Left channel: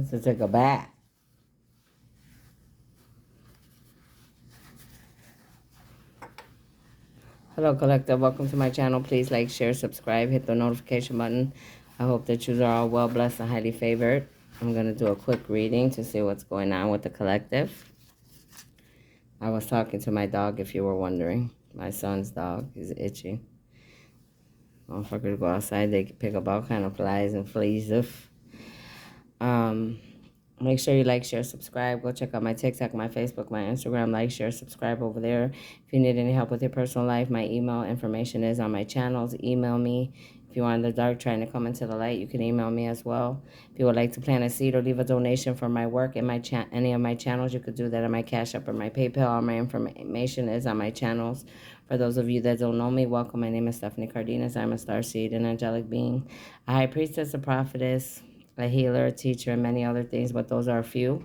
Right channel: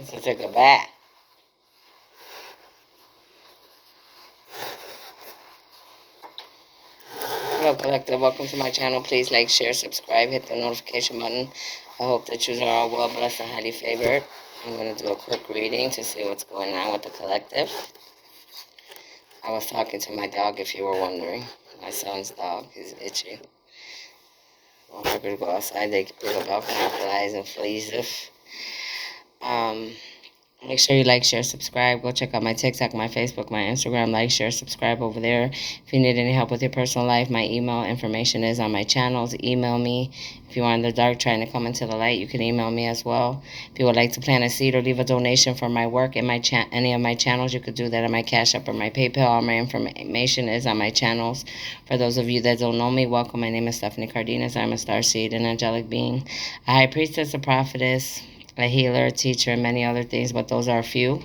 Let's take a bath. Hello, Collective. Welcome to my channel. Please like, share, subscribe, hit the notification button. I hope that you are all well blessed and highly favored. I'm going to do a quick reading to see what's going on with the collective. I was talking to my dog, if you were wondering. My son's dog is itchy. Motherfuckers go outside, they can pick up all kind of flies and fleas. Make sure you like, share, subscribe. Go check out my TikTok, my Facebook, my Instagram. Like, share, subscribe over there. If you need any help with your personal life, my email information is on my channels. Email me. If you are in the dark trying to come into the light, you can email me as well. If you would like to plant a seed or leave a donation for my work in my any of my channels, you could do that on my Cash App or my PayPal. All my information is on my channels. For those of you that don't know me, welcome. My name is Stephanie Cardenas. I'm a starseed, an angelic being, a high priestess, a prophetess, a healer, a teacher, and many other things, but those are a few.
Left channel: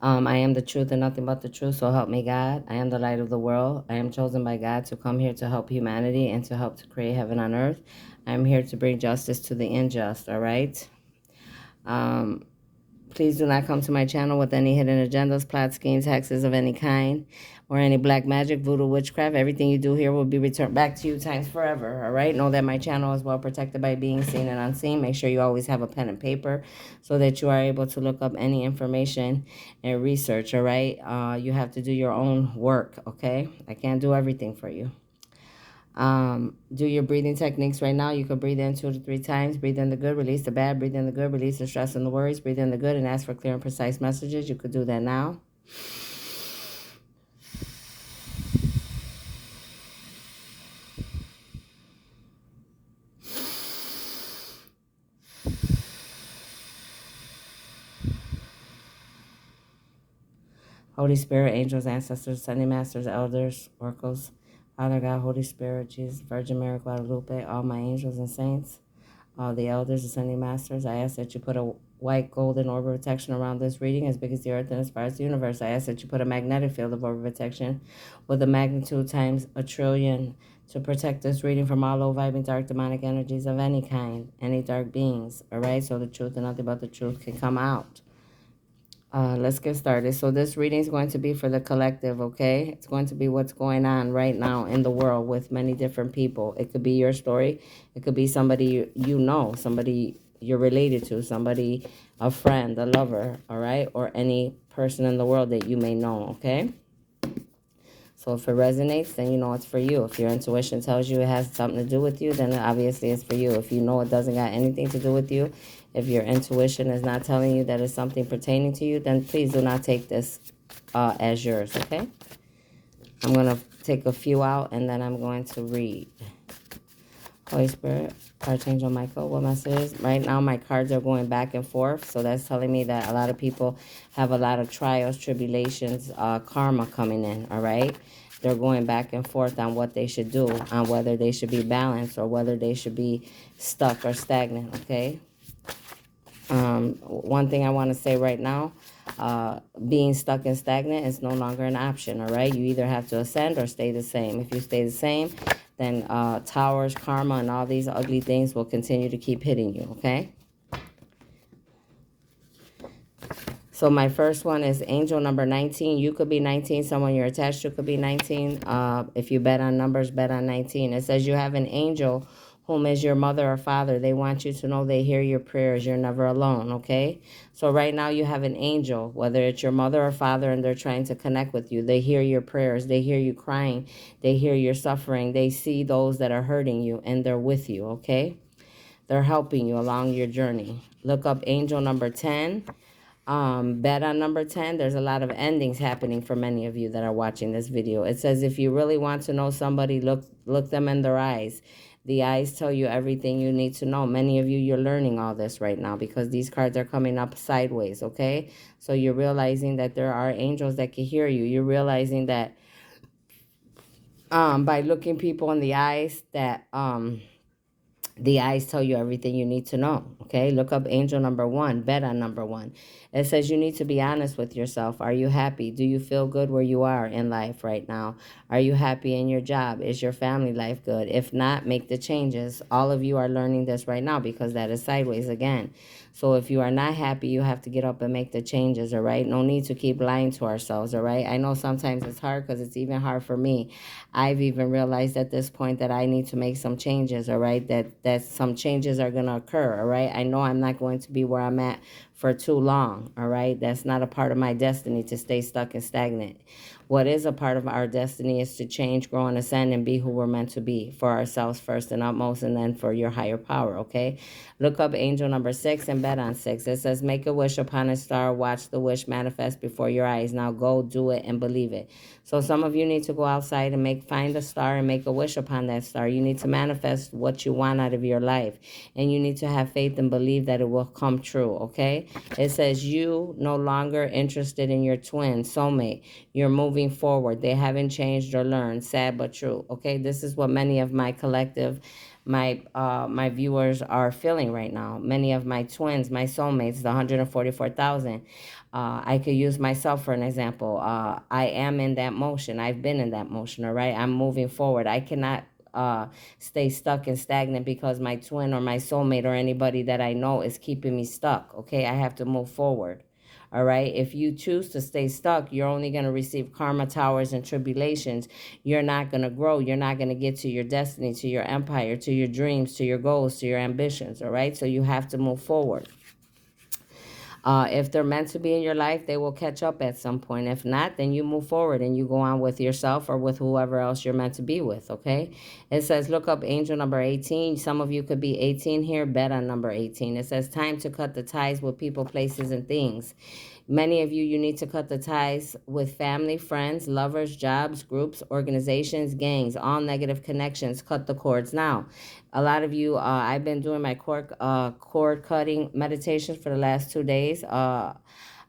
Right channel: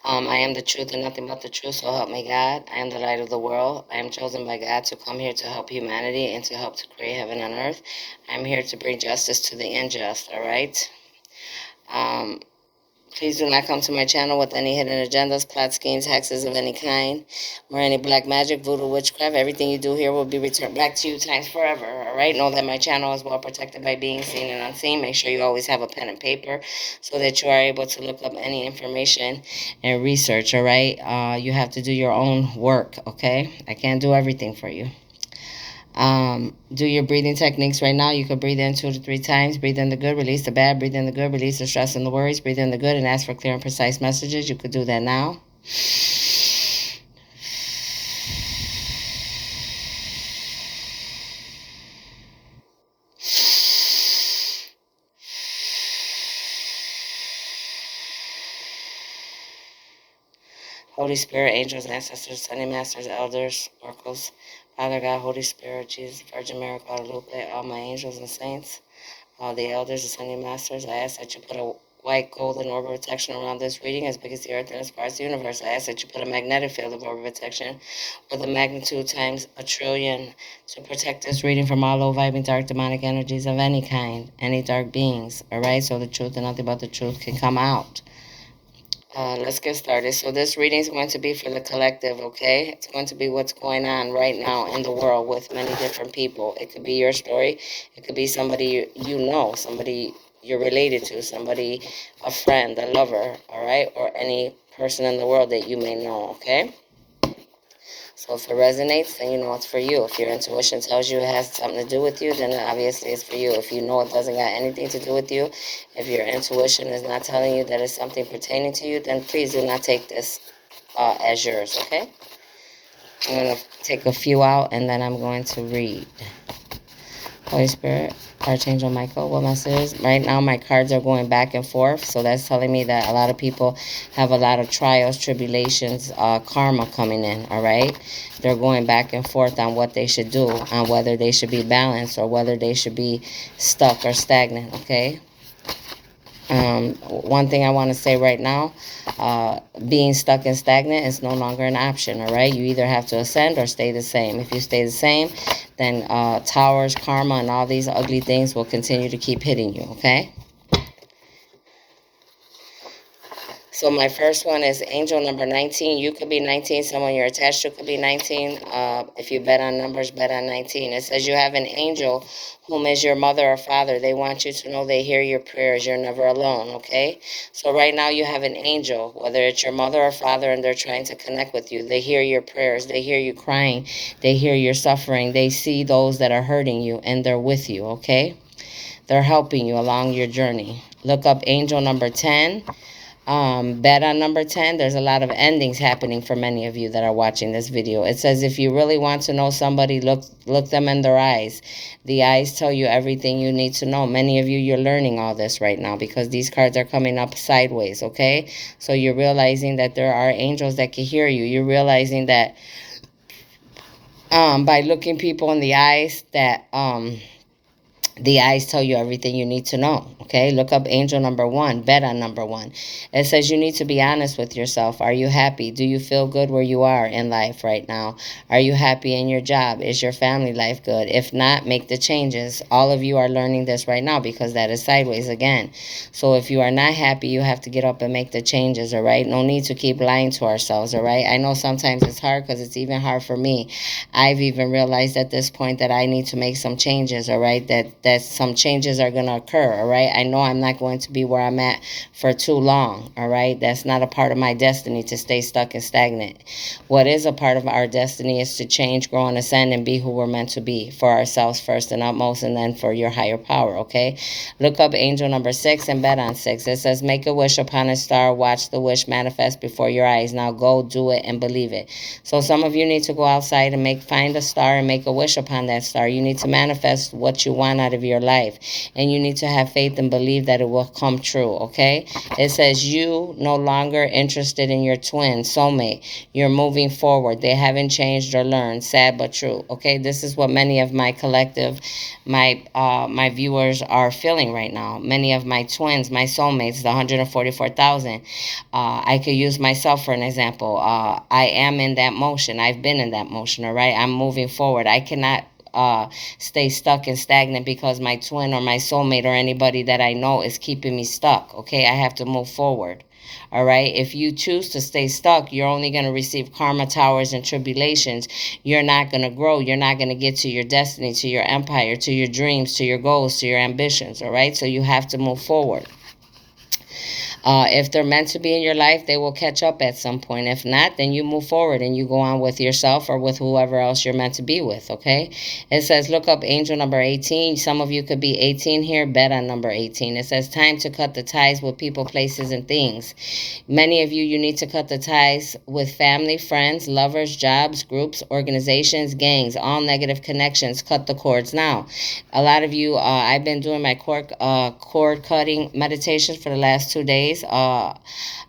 I am the truth and nothing but the truth, so help me God. I am the light of the world. I am chosen by God to come here to help humanity and to help to create heaven on earth. I am here to bring justice to the unjust, all right? Please do not come to my channel with any hidden agendas, plot schemes, hexes of any kind, or any black magic, voodoo, witchcraft. Everything you do here will be returned back to you times forever, all right? Know that my channel is well protected by being seen and unseen. Make sure you always have a pen and paper so that you are able to look up any information and research, all right? You have to do your own work, okay? I can't do everything for you. Do your breathing techniques right now. You could breathe in 2 to 3 times. Breathe in the good, release the bad. Breathe in the good, release the stress and the worries. Breathe in the good and ask for clear and precise messages. You could do that now. Holy Spirit, angels, ancestors, Sunday masters, elders, oracles, Father God, Holy Spirit, Jesus, Virgin Mary, Guadalupe, all my angels and saints, all the elders, the Sunday masters, I ask that you put a white golden orb of protection around this reading as big as the earth and as far as the universe. I ask that you put a magnetic field of orb of protection with a magnitude times 1,000,000,000,000 to protect this reading from all low vibing dark demonic energies of any kind, any dark beings, all right? So the truth and nothing but the truth can come out. Let's get started. So this reading is going to be for the collective, okay? It's going to be what's going on right now in the world with many different people. It could be your story. It could be somebody you know, somebody you're related to, somebody, a friend, a lover, all right? Or any person in the world that you may know, okay? So if it resonates, then you know it's for you. If your intuition tells you it has something to do with you, then obviously it's for you. If you know it doesn't got anything to do with you, if your intuition is not telling you that it's something pertaining to you, then please do not take this as yours, okay? I'm going to take a few out and then I'm going to read. Holy Spirit, Archangel Michael, what message? Right now my cards are going back and forth, so that's telling me that a lot of people have a lot of trials, tribulations, karma coming in, all right? They're going back and forth on what they should do, on whether they should be balanced or whether they should be stuck or stagnant, okay? One thing I want to say right now, being stuck and stagnant is no longer an option, all right? You either have to ascend or stay the same. If you stay the same, then towers, karma, and all these ugly things will continue to keep hitting you, okay? So my first one is angel number 19. You could be 19. Someone you're attached to could be 19. If you bet on numbers, bet on 19. It says you have an angel whom is your mother or father. They want you to know they hear your prayers. You're never alone, okay? So right now you have an angel, whether it's your mother or father, and they're trying to connect with you. They hear your prayers. They hear you crying. They hear your suffering. They see those that are hurting you, and they're with you, okay? They're helping you along your journey. Look up angel number 10. Bet on number 10. There's a lot of endings happening for many of you that are watching this video. It says if you really want to know somebody, look them in their eyes. The eyes tell you everything you need to know. Many of you, you're learning all this right now because these cards are coming up sideways, okay? So you're realizing that there are angels that can hear you. You're realizing that by looking people in the eyes that The eyes tell you everything you need to know. Okay, look up angel number one, bet on number one. It says you need to be honest with yourself. Are you happy? Do you feel good where you are in life right now? Are you happy in your job? Is your family life good? If not, make the changes. All of you are learning this right now because that is sideways again. So if you are not happy, you have to get up and make the changes. All right, no need to keep lying to ourselves. All right, I know sometimes it's hard because it's even hard for me. I've even realized at this point that I need to make some changes, all right? That some changes are going to occur, all right? I know I'm not going to be where I'm at for too long, all right? That's not a part of my destiny to stay stuck and stagnant. What is a part of our destiny is to change, grow, and ascend and be who we're meant to be for ourselves first and utmost, and then for your higher power, okay? Look up angel number 6 and bet on 6. It says, make a wish upon a star, watch the wish manifest before your eyes. Now go do it and believe it. So some of you need to go outside and find a star and make a wish upon that star. You need to manifest what you want out of your life, and you need to have faith and believe that it will come true, okay? It says you no longer interested in your twin soulmate. You're moving forward. They haven't changed or learned. Sad but true, okay? This is what many of my collective, my viewers are feeling right now. Many of my twins, my soulmates, the 144,000. I could use myself for an example. I am in that motion. I've been in that motion, all right? I'm moving forward. I cannot stay stuck and stagnant because my twin or my soulmate or anybody that I know is keeping me stuck, okay? I have to move forward. All right. If you choose to stay stuck, you're only going to receive karma towers and tribulations. You're not going to grow. You're not going to get to your destiny, to your empire, to your dreams, to your goals, to your ambitions. All right. So you have to move forward. If they're meant to be in your life, they will catch up at some point. If not, then you move forward and you go on with yourself or with whoever else you're meant to be with, okay? It says, look up angel number 18. Some of you could be 18 here. Bet on number 18. It says, time to cut the ties with people, places, and things. Many of you, you need to cut the ties with family, friends, lovers, jobs, groups, organizations, gangs, all negative connections. Cut the cords now. A lot of you, I've been doing my cord cutting meditations for the last 2 days.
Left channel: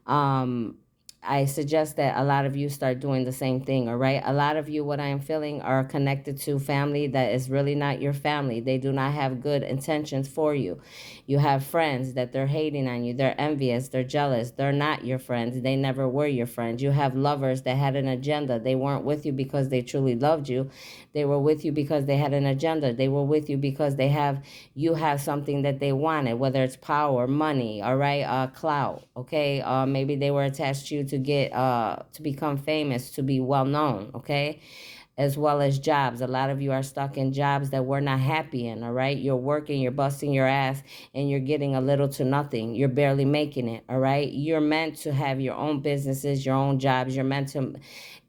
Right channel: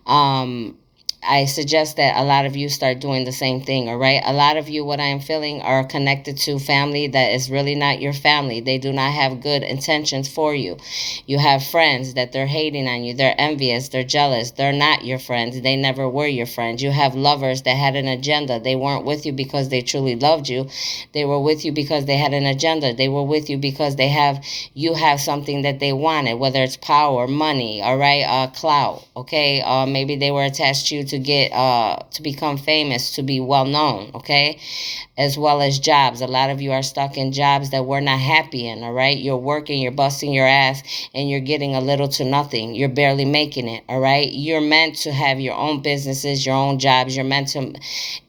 Um, I suggest that a lot of you start doing the same thing, all right? A lot of you, what I am feeling, are connected to family that is really not your family. They do not have good intentions for you. You have friends that they're hating on you. They're envious. They're jealous. They're not your friends. They never were your friends. You have lovers that had an agenda. They weren't with you because they truly loved you. They were with you because they had an agenda. They were with you because you have something that they wanted, whether it's power, money, all right, clout, okay? Maybe they were attached to you to become famous, to be well known, okay? As well as jobs. A lot of you are stuck in jobs that we're not happy in, all right? You're working, you're busting your ass, and you're getting a little to nothing. You're barely making it, all right? You're meant to have your own businesses, your own jobs.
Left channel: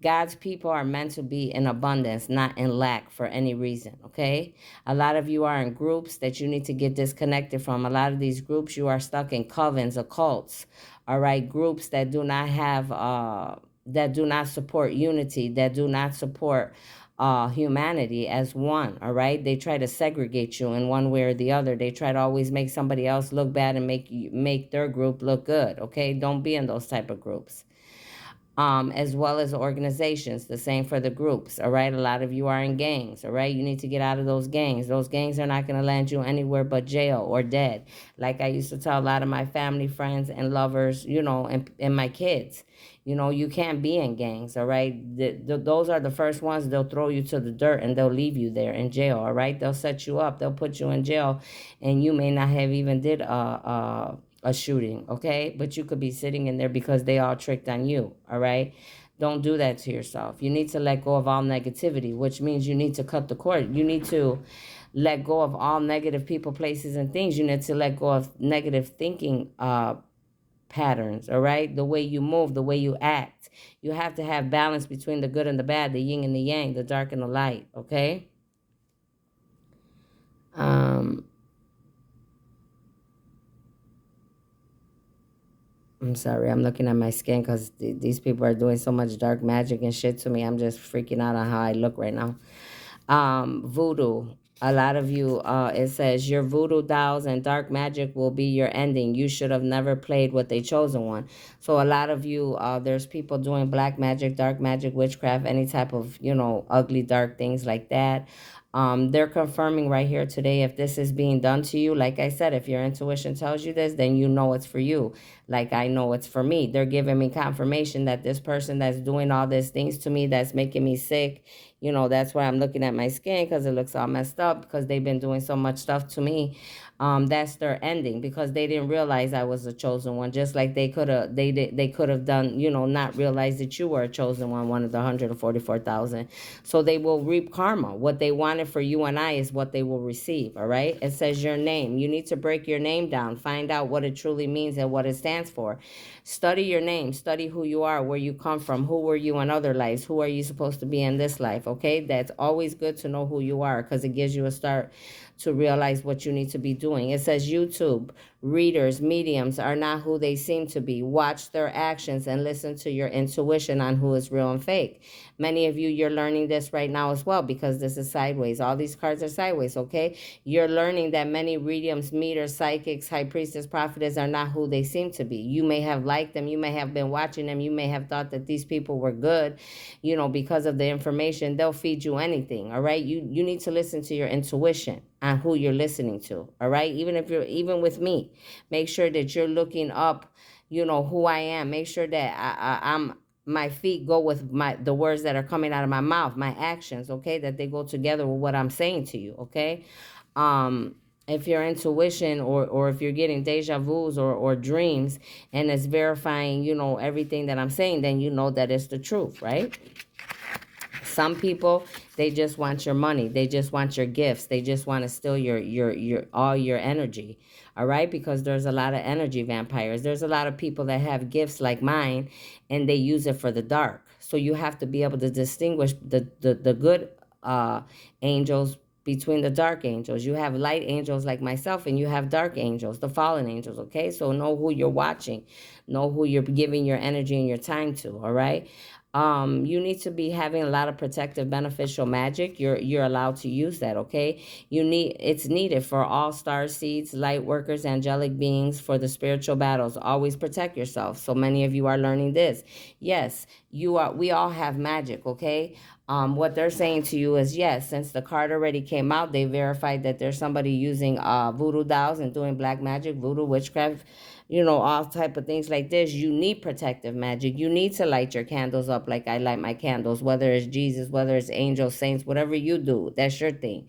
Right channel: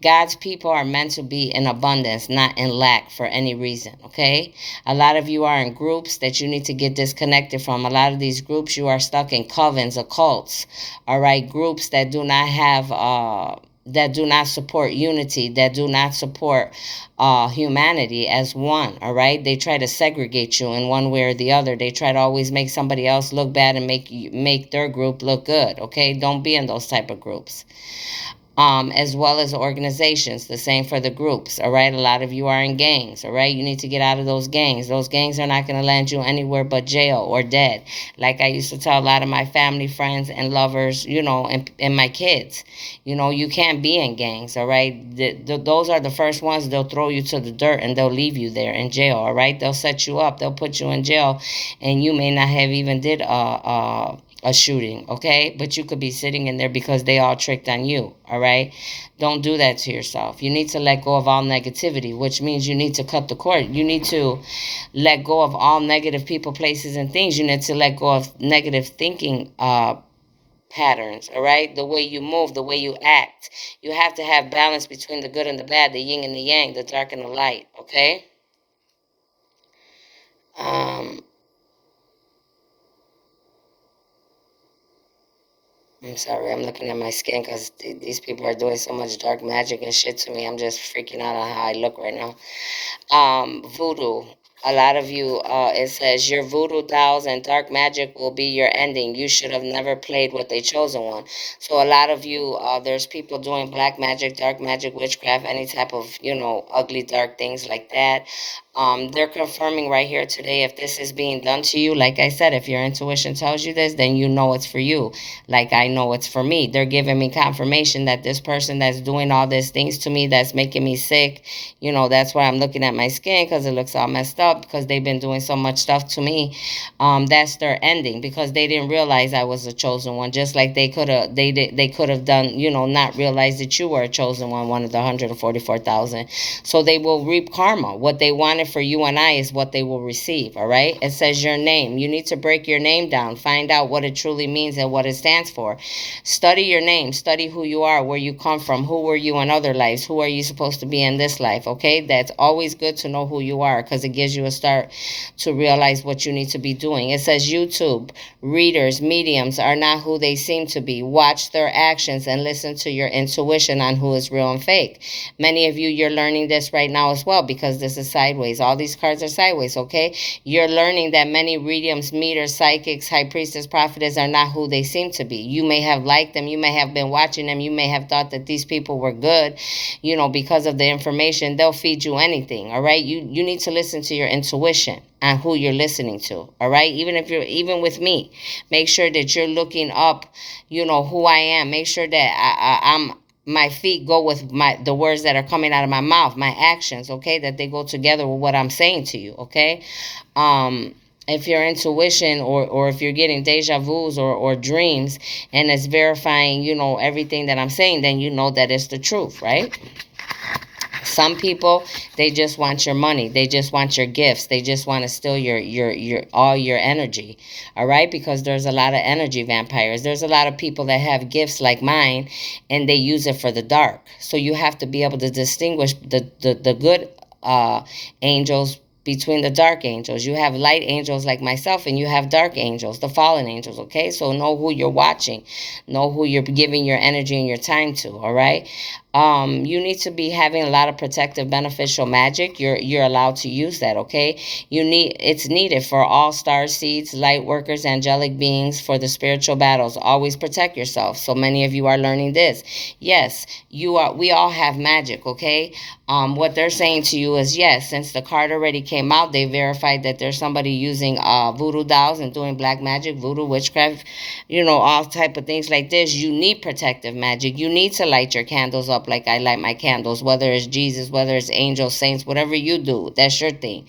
God's people are meant to be in abundance, not in lack for any reason, okay? A lot of you are in groups that you need to get disconnected from. A lot of these groups, you are stuck in covens, occults, all right? Groups that do not have that do not support unity, that do not support humanity as one, all right? They try to segregate you in one way or the other. They try to always make somebody else look bad and make their group look good, okay? Don't be in those type of groups. As well as organizations. The same for the groups, all right? A lot of you are in gangs, all right? You need to get out of those gangs. Those gangs are not going to land you anywhere but jail or dead. Like I used to tell a lot of my family, friends, and lovers, and my kids, you can't be in gangs, all right? Those are the first ones. They'll throw you to the dirt and they'll leave you there in jail, all right? They'll set you up. They'll put you in jail, and you may not have even did a shooting, okay? But you could be sitting in there because they all tricked on you, all right? Don't do that to yourself. You need to let go of all negativity, which means you need to cut the cord. You need to let go of all negative people, places, and things. You need to let go of negative thinking patterns, all right? The way you move, the way you act. You have to have balance between the good and the bad, the yin and the yang, the dark and the light, okay? I'm sorry, I'm looking at my skin because these people are doing so much dark magic and shit to me. I'm just freaking out on how I look right now. Voodoo. A lot of you, it says, your voodoo dolls and dark magic will be your ending. You should have never played with a chosen one. So a lot of you, there's people doing black magic, dark magic, witchcraft, any type of, ugly, dark things like that. They're confirming right here today if this is being done to you. Like I said, if your intuition tells you this, then you know it's for you. Like I know it's for me. They're giving me confirmation that this person that's doing all these things to me, that's making me sick, that's why I'm looking at my skin, because it looks all messed up, because they've been doing so much stuff to me. That's their ending, because they didn't realize I was a chosen one. Just like they could have done, not realize that you were a chosen one of the 144,000. So they will reap karma. What they wanted for you and I is what they will receive. All right. It says your name. You need to break your name down. Find out what it truly means and what it stands for. Study your name. Study who you are, where you come from, who were you in other lives, who are you supposed to be in this life. Okay. That's always good to know who you are, because it gives you a start to realize what you need to be doing. It says YouTube readers, mediums are not who they seem to be. Watch their actions and listen to your intuition on who is real and fake. Many of you, you're learning this right now as well, because this is sideways. All these cards are sideways, okay? You're learning that many mediums, meters, psychics, high priestess, prophetess are not who they seem to be. You may have liked them. You may have been watching them. You may have thought that these people were good, because of the information. They'll feed you anything, all right? You need to listen to your intuition on who you're listening to, all right? Even with me, make sure that you're looking up, who I am. Make sure that I'm my feet go with the words that are coming out of my mouth, my actions, okay? That they go together with what I'm saying to you, okay? If your intuition or if you're getting deja vus or dreams and it's verifying, everything that I'm saying, then you know that it's the truth, right? Some people, they just want your money. They just want your gifts. They just want to steal your all your energy. All right? Because there's a lot of energy vampires. There's a lot of people that have gifts like mine and they use it for the dark. So you have to be able to distinguish the good angels between the dark angels. You have light angels like myself, and you have dark angels, the fallen angels, okay? So know who you're watching. Know who you're giving your energy and your time to, all right? You need to be having a lot of protective, beneficial magic. You're allowed to use that, okay? It's needed for all star seeds, light workers, angelic beings, for the spiritual battles. Always protect yourself. So many of you are learning this. Yes, we all have magic, okay? What they're saying to you is, yes, since the card already came out, they verified that there's somebody using voodoo dolls and doing black magic, voodoo, witchcraft, all type of things like this. You need protective magic. You need to light your candles up like I light my candles, whether it's Jesus, whether it's angels, saints, whatever you do, that's your thing.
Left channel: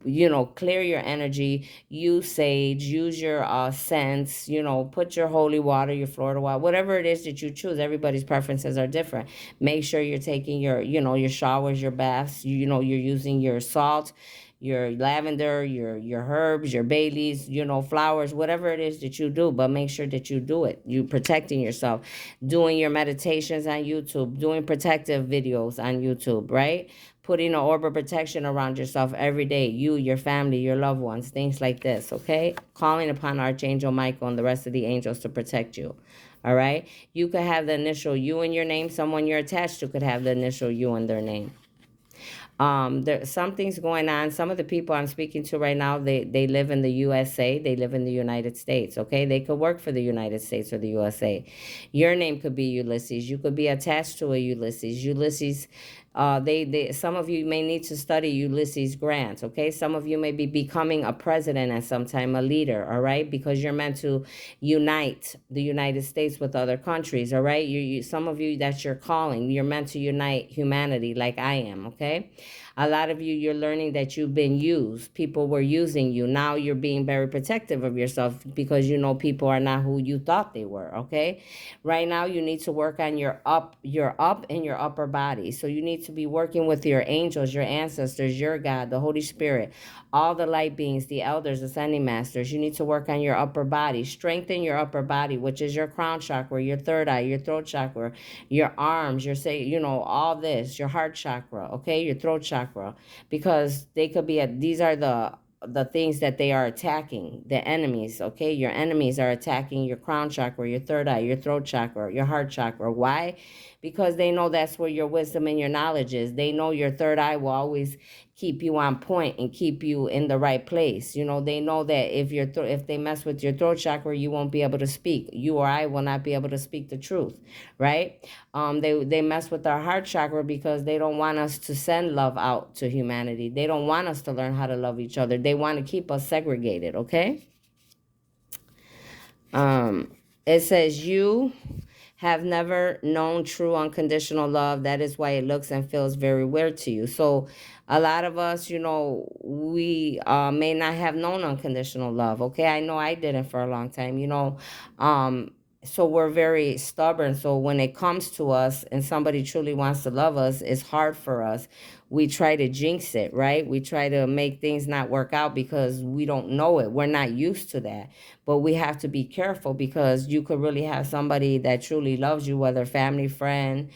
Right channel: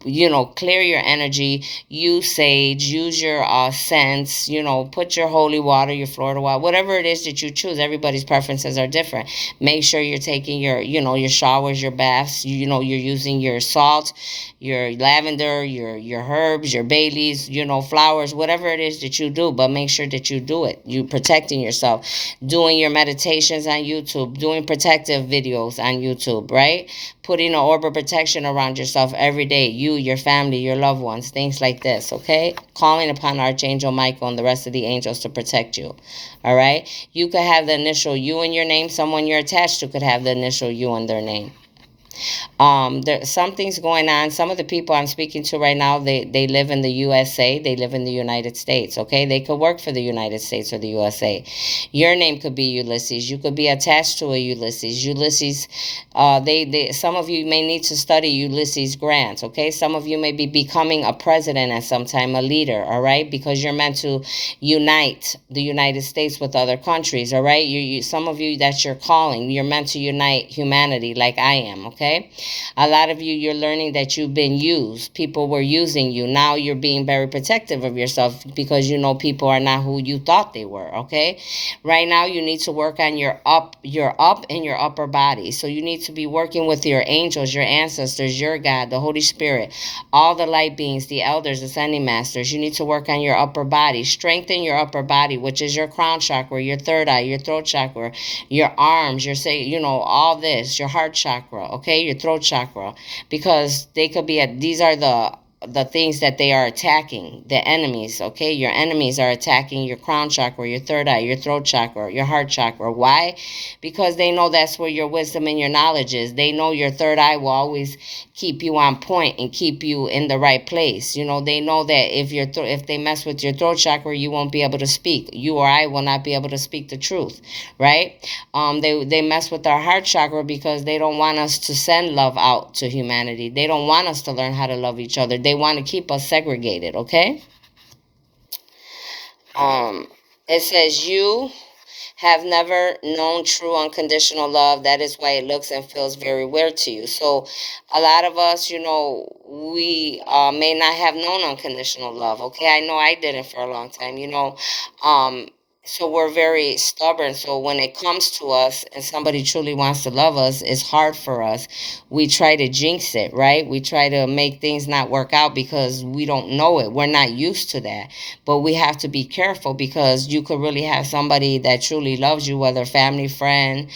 Clear your energy, use sage, use your scents, put your holy water, your Florida water, whatever it is that you choose. Everybody's preferences are different. Make sure you're taking your showers, your baths, you're using your salt, your lavender, your herbs, your bay leaves, flowers, whatever it is that you do, but make sure that you do it. You protecting yourself, doing your meditations on YouTube, doing protective videos on YouTube, right? Putting an orb of protection around yourself every day, you, your family, your loved ones, things like this, okay? Calling upon Archangel Michael and the rest of the angels to protect you, all right? You could have the initial U in your name. Someone you're attached to could have the initial U in their name. Something's going on. Some of the people I'm speaking to right now, they live in the USA. They live in the United States, okay? They could work for the United States or the USA. Your name could be Ulysses. You could be attached to a Ulysses. Ulysses, some of you may need to study Ulysses Grant, okay? Some of you may be becoming a president at some time, a leader, all right? Because you're meant to unite the United States with other countries, all right? Some of you, that's your calling. You're meant to unite humanity like I am, okay? A lot of you, you're learning that you've been used. People were using you. Now you're being very protective of yourself because people are not who you thought they were, okay? Right now, you need to work on your up and your upper body. So you need to be working with your angels, your ancestors, your God, the Holy Spirit, all the light beings, the elders, ascending masters. You need to work on your upper body. Strengthen your upper body, which is your crown chakra, your third eye, your throat chakra, your arms, all this, your heart chakra, okay? Your throat chakra, because they could be these are the the things that they are attacking, the enemies, okay? Your enemies are attacking your crown chakra, your third eye, your throat chakra, your heart chakra. Why? Because they know that's where your wisdom and your knowledge is. They know your third eye will always keep you on point and keep you in the right place. You know, they know that if they mess with your throat chakra, you won't be able to speak. You or I will not be able to speak the truth, right? They mess with our heart chakra because they don't want us to send love out to humanity. They don't want us to learn how to love each other. They want to keep us segregated, okay? It says you have never known true unconditional love. That is why it looks and feels very weird to you. So a lot of us, you know, we may not have known unconditional love. Okay, I know I didn't for a long time, you know. So we're very stubborn. So when it comes to us and somebody truly wants to love us, it's hard for us. We try to jinx it, right? We try to make things not work out because we don't know it. We're not used to that. But we have to be careful because you could really have somebody that truly loves you, whether family, friend,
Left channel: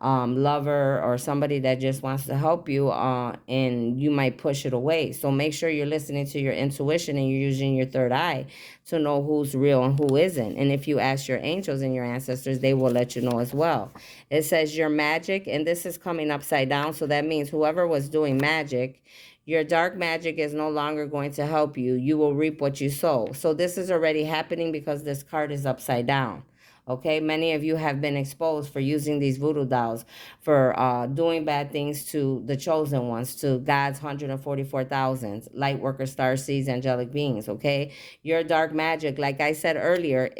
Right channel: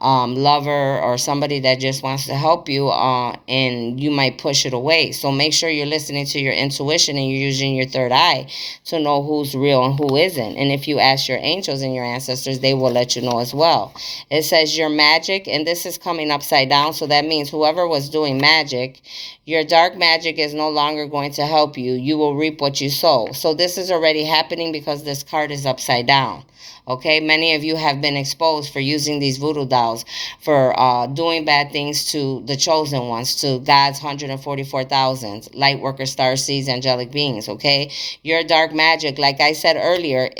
lover, or somebody that just wants to help you, and you might push it away. So make sure you're listening to your intuition and you're using your third eye to know who's real and who isn't. And if you ask your angels and your ancestors, they will let you know as well. It says your magic, and this is coming upside down, so that means whoever was doing magic, your dark magic is no longer going to help you. You will reap what you sow. So this is already happening because this card is upside down. Okay, many of you have been exposed for using these voodoo dolls, for doing bad things to the chosen ones, to God's 144,000 light workers, star seeds, angelic beings. Okay, your dark magic, like I said earlier,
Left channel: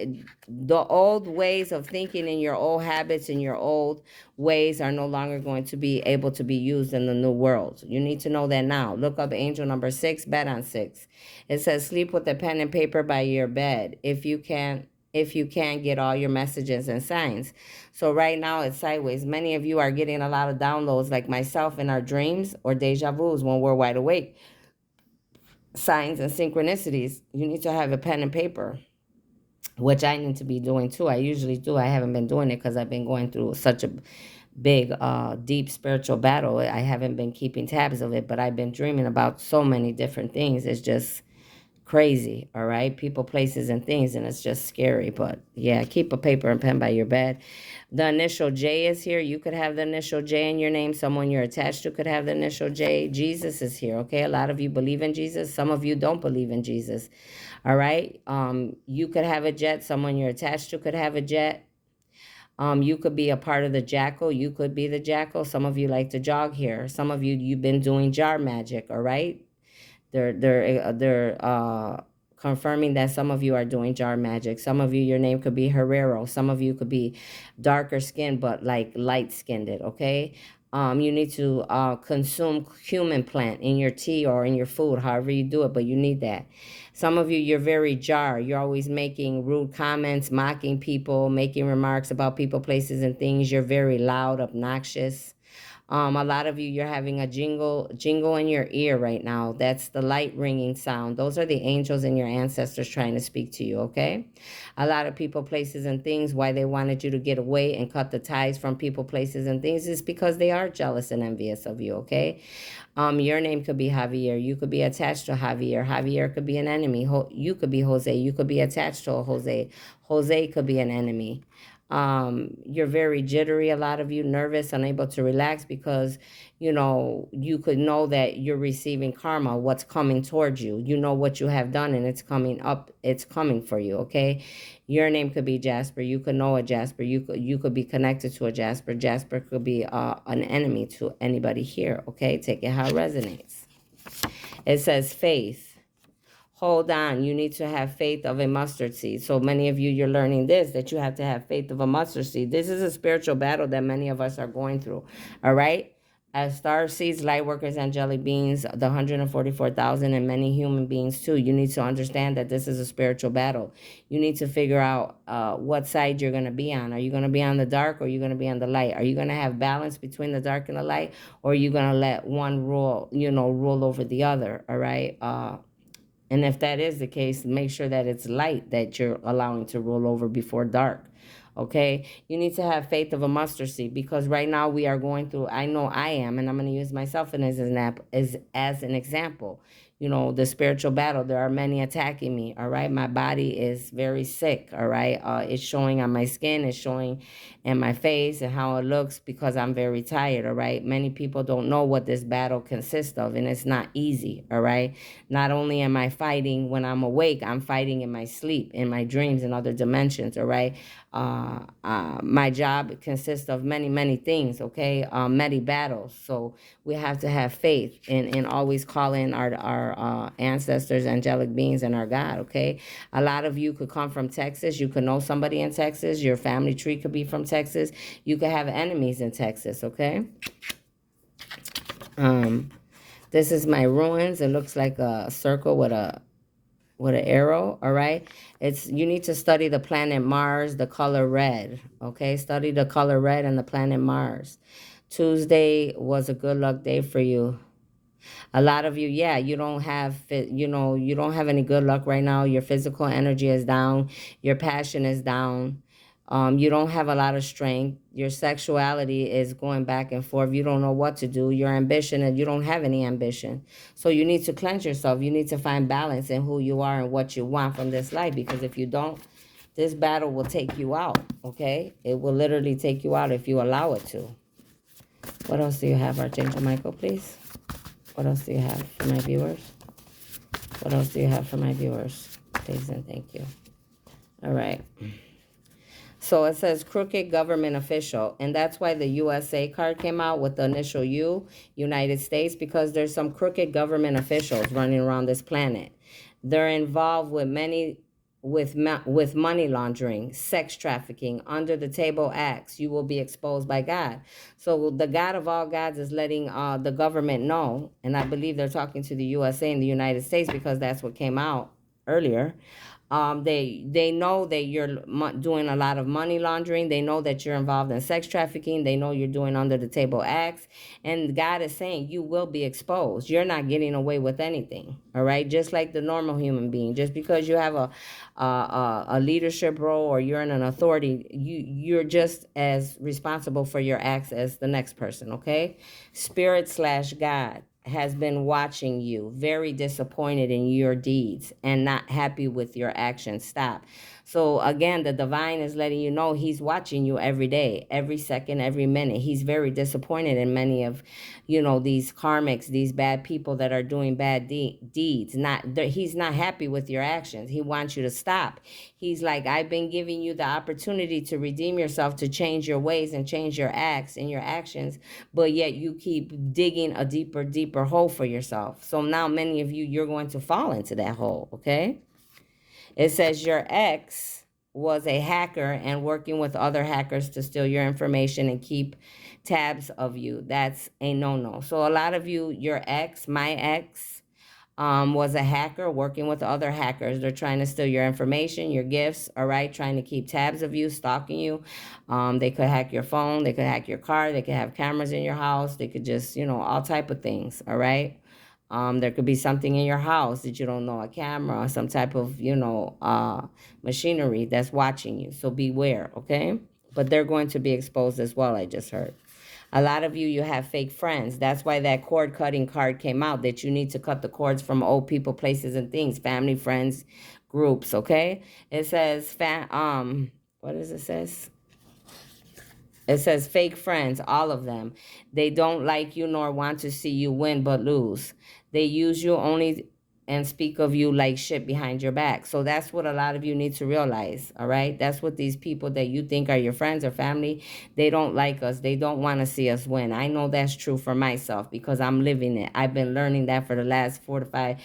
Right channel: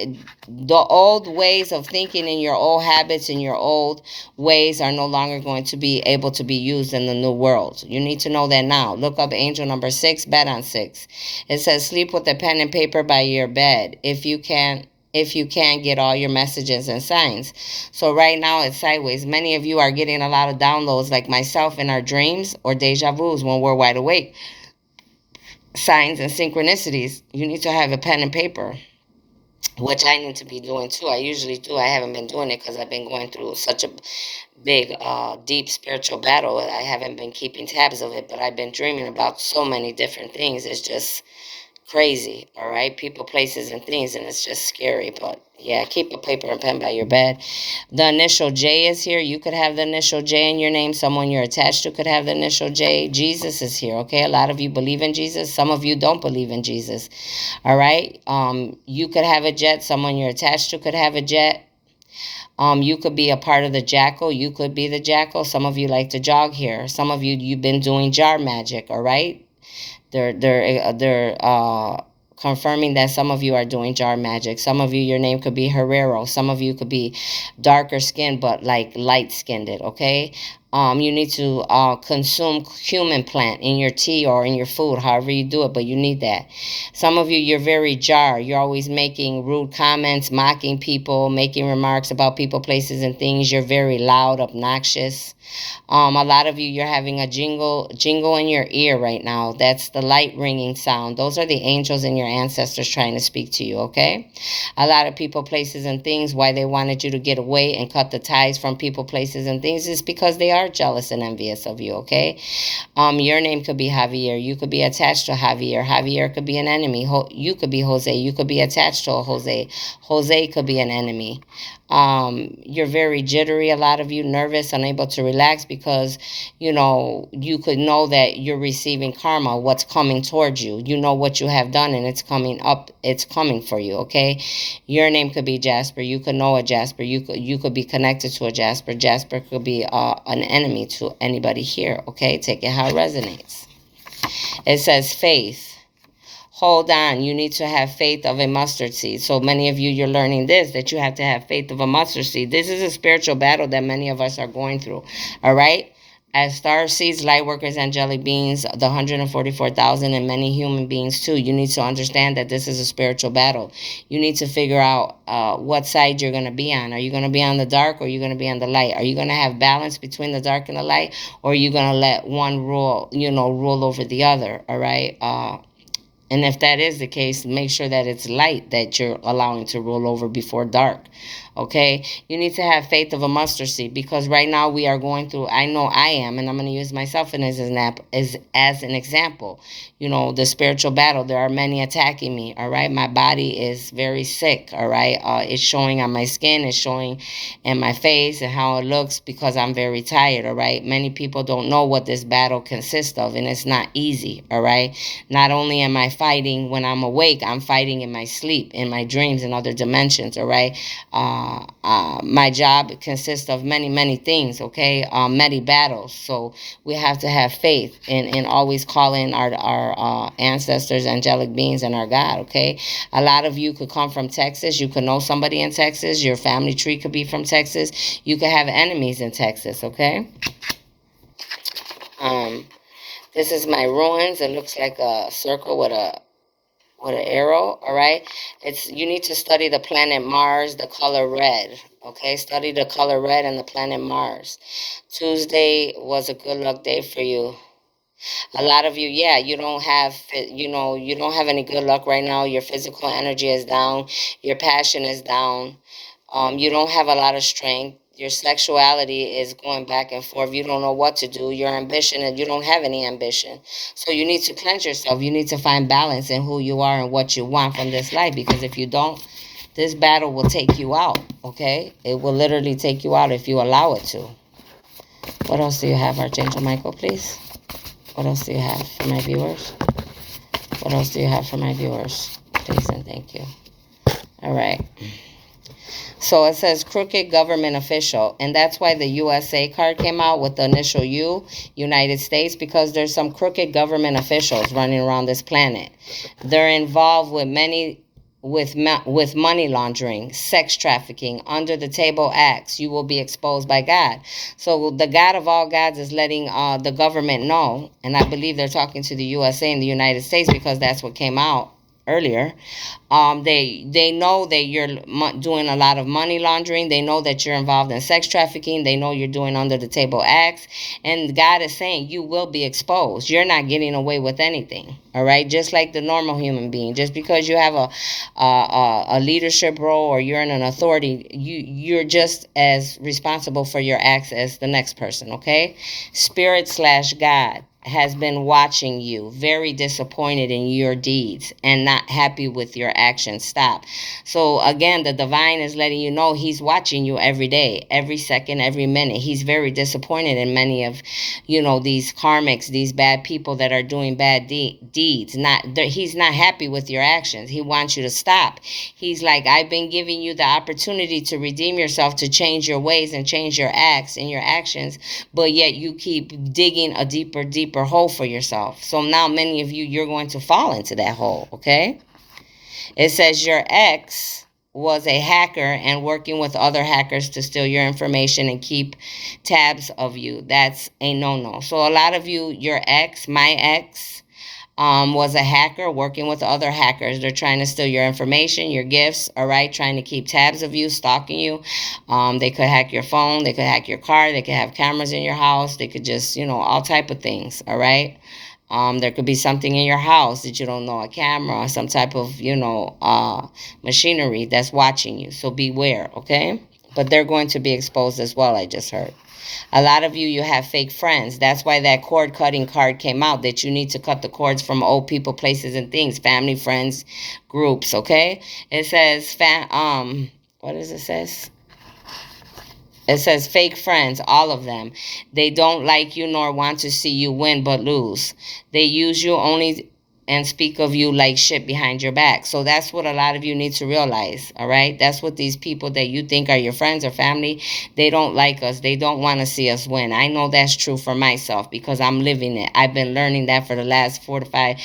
the old ways of thinking and your old habits and your old ways are no longer going to be able to be used in the new world. You need to know that now. Look up angel number 6, bet on 6. It says sleep with a pen and paper by your bed if you can get all your messages and signs. So right now it's sideways. Many of you are getting a lot of downloads like myself in our dreams or deja vus when we're wide awake. Signs and synchronicities. You need to have a pen and paper, which I need to be doing too. I usually do. I haven't been doing it because I've been going through such a big, deep spiritual battle. I haven't been keeping tabs of it, but I've been dreaming about so many different things. It's just crazy, all right? People, places, and things, and it's just scary. But yeah, keep a paper and pen by your bed. The initial J is here. You could have the initial J in your name. Someone you're attached to could have the initial J. Jesus is here, okay? A lot of you believe in Jesus. Some of you don't believe in Jesus, all right? You could have a jet. Someone you're attached to could have a jet. You could be a part of the jackal. You could be the jackal. Some of you like to jog here. Some of you, you've been doing jar magic, all right? They're confirming that some of you are doing jar magic. Some of you, your name could be Herrero. Some of you could be darker skinned, but like light skinned, okay? You need to consume cumin plant in your tea or in your food, however you do it, but you need that. Some of you, you're very jar. You're always making rude comments, mocking people, making remarks about people, places, and things. You're very loud, obnoxious. A lot of you, you're having a jingle in your ear right now. That's the light ringing sound. Those are the angels and your ancestors trying to speak to you, okay? A lot of people, places, and things, why they wanted you to get away and cut the ties from people, places, and things is because they are jealous and envious of you, okay? Your name could be Javier. You could be attached to Javier. Javier could be an enemy. You could be Jose. You could be attached to a Jose. Jose could be an enemy. You're very jittery, a lot of you, nervous, unable to relax because, you know, you could know that you're receiving karma, what's coming towards you. You know what you have done and it's coming up, it's coming for you, okay? Your name could be Jasper. You could know a Jasper. You could be connected to a Jasper. Jasper could be an enemy to anybody here, okay? Take it how it resonates. It says faith. Hold on, you need to have faith of a mustard seed. So many of you, you're learning this, that you have to have faith of a mustard seed. This is a spiritual battle that many of us are going through, all right? As star seeds, light workers, angelic beings, the 144,000, and many human beings too, you need to understand that this is a spiritual battle. You need to figure out what side you're going to be on. Are you going to be on the dark or are you going to be on the light? Are you going to have balance between the dark and the light, or are you going to let one rule over the other, all right? And if that is the case, make sure that it's light that you're allowing to roll over before dark. Okay, you need to have faith of a mustard seed, because right now we are going through, I know I am, and I'm going to use myself as an example. You know, the spiritual battle, there are many attacking me. All right, my body is very sick. All right, it's showing on my skin, it's showing in my face and how it looks, because I'm very tired. All right, many people don't know what this battle consists of, and it's not easy. All right, not only am I fighting when I'm awake, I'm fighting in my sleep, in my dreams, and other dimensions. All right, my job consists of many, many things, okay? Many battles. So we have to have faith and always call in our ancestors, angelic beings, and our God, okay? A lot of you could come from Texas. You could know somebody in Texas. Your family tree could be from Texas. You could have enemies in Texas, okay? This is my ruins. It looks like a circle with an arrow. All right, it's, you need to study the planet Mars, the color red. Okay, study the color red and the planet Mars. Tuesday was a good luck day for you. A lot of you, yeah, you don't have, you don't have any good luck right now. Your physical energy is down, your passion is down. You don't have a lot of strength. Your sexuality is going back and forth. You don't know what to do. Your ambition, and you don't have any ambition. So you need to cleanse yourself. You need to find balance in who you are and what you want from this life. Because if you don't, this battle will take you out, okay? It will literally take you out if you allow it to. What else do you have, Archangel Michael, please? What else do you have for my viewers? What else do you have for my viewers? Please and thank you. All right. So it says crooked government official, and that's why the USA card came out with the initial U, United States, because there's some crooked government officials running around this planet. They're involved with with money laundering, sex trafficking, under the table acts. You will be exposed by God. So the God of all gods is letting the government know, and I believe they're talking to the USA and the United States, because that's what came out earlier. They know that you're doing a lot of money laundering. They know that you're involved in sex trafficking. They know you're doing under the table acts. And God is saying you will be exposed. You're not getting away with anything. All right. Just like the normal human being. Just because you have a leadership role or you're in an authority, you're just as responsible for your acts as the next person. Okay. Spirit/God has been watching you, very disappointed in your deeds and not happy with your actions. Stop. So again, the divine is letting you know he's watching you every day, every second, every minute. He's very disappointed in many of, these karmics, these bad people that are doing bad deeds. He's not happy with your actions. He wants you to stop. He's like, I've been giving you the opportunity to redeem yourself, to change your ways and change your acts and your actions, but yet you keep digging a deeper hole for yourself. So now many of you, you're going to fall into that hole, okay? It says your ex was a hacker and working with other hackers to steal your information and keep tabs of you. That's a no-no. So a lot of you, your ex, my ex, was a hacker working with other hackers. They're trying to steal your information, your gifts, all right, trying to keep tabs of you, stalking you. They could hack your phone, they could hack your car, they could have cameras in your house, they could just, all type of things, all right? There could be something in your house that you don't know, a camera, some type of, machinery that's watching you. So beware, okay? But they're going to be exposed as well, I just heard. A lot of you, you have fake friends. That's why that cord cutting card came out, that you need to cut the cords from old people, places, and things, family, friends, groups, okay? It says, what does it say? It says fake friends, all of them. They don't like you nor want to see you win but lose. They use you only and speak of you like shit behind your back. So that's what a lot of you need to realize, all right? That's what these people that you think are your friends or family, they don't like us. They don't want to see us win. I know that's true for myself because I'm living it. I've been learning that for the last 4 to 5,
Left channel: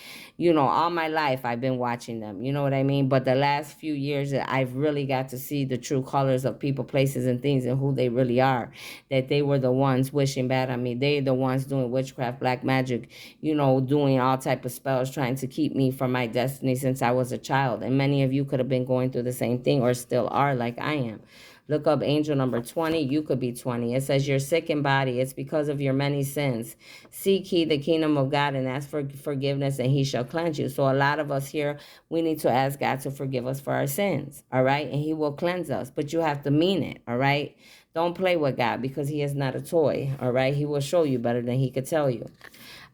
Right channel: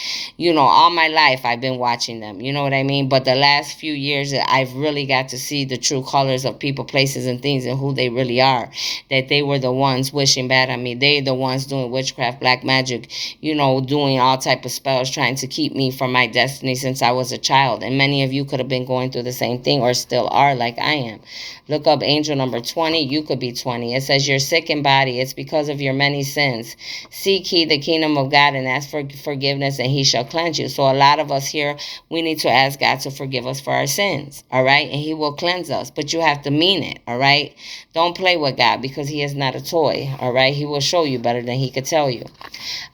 all my life I've been watching them. You know what I mean? But the last few years, I've really got to see the true colors of people, places, and things and who they really are. That they were the ones wishing bad on me. They the ones doing witchcraft, black magic, doing all type of spells, trying to keep me from my destiny since I was a child. And many of you could have been going through the same thing or still are like I am. Look up angel number 20. You could be 20. It says you're sick in body. It's because of your many sins. Seek ye the kingdom of God and ask for forgiveness, and he shall cleanse you. So a lot of us here, we need to ask God to forgive us for our sins, all right? And he will cleanse us, but you have to mean it, all right? Don't play with God, because he is not a toy, all right? He will show you better than he could tell you.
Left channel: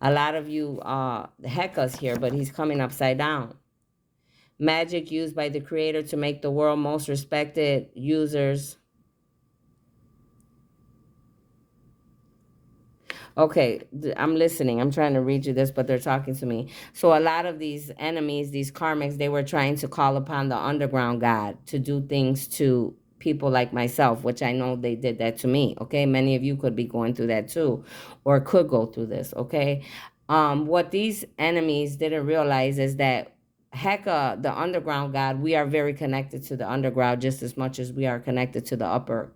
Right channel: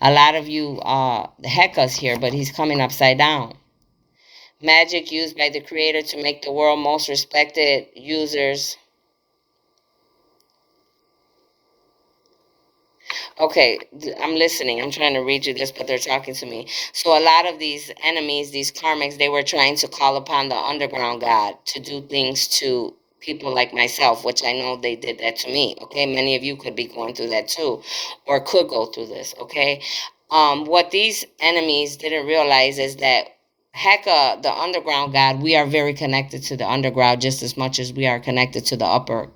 A lot of you heck us here, but he's coming upside down. Magic used by the creator to make the world most respected users. Okay, I'm listening. I'm trying to read you this, but they're talking to me. So a lot of these enemies, these karmics, they were trying to call upon the underground god to do things to people like myself, which I know they did that to me. Okay, many of you could be going through that too, or could go through this. Okay, what these enemies didn't realize is that Heka, the underground god, we are very connected to the underground just as much as we are connected to the upper.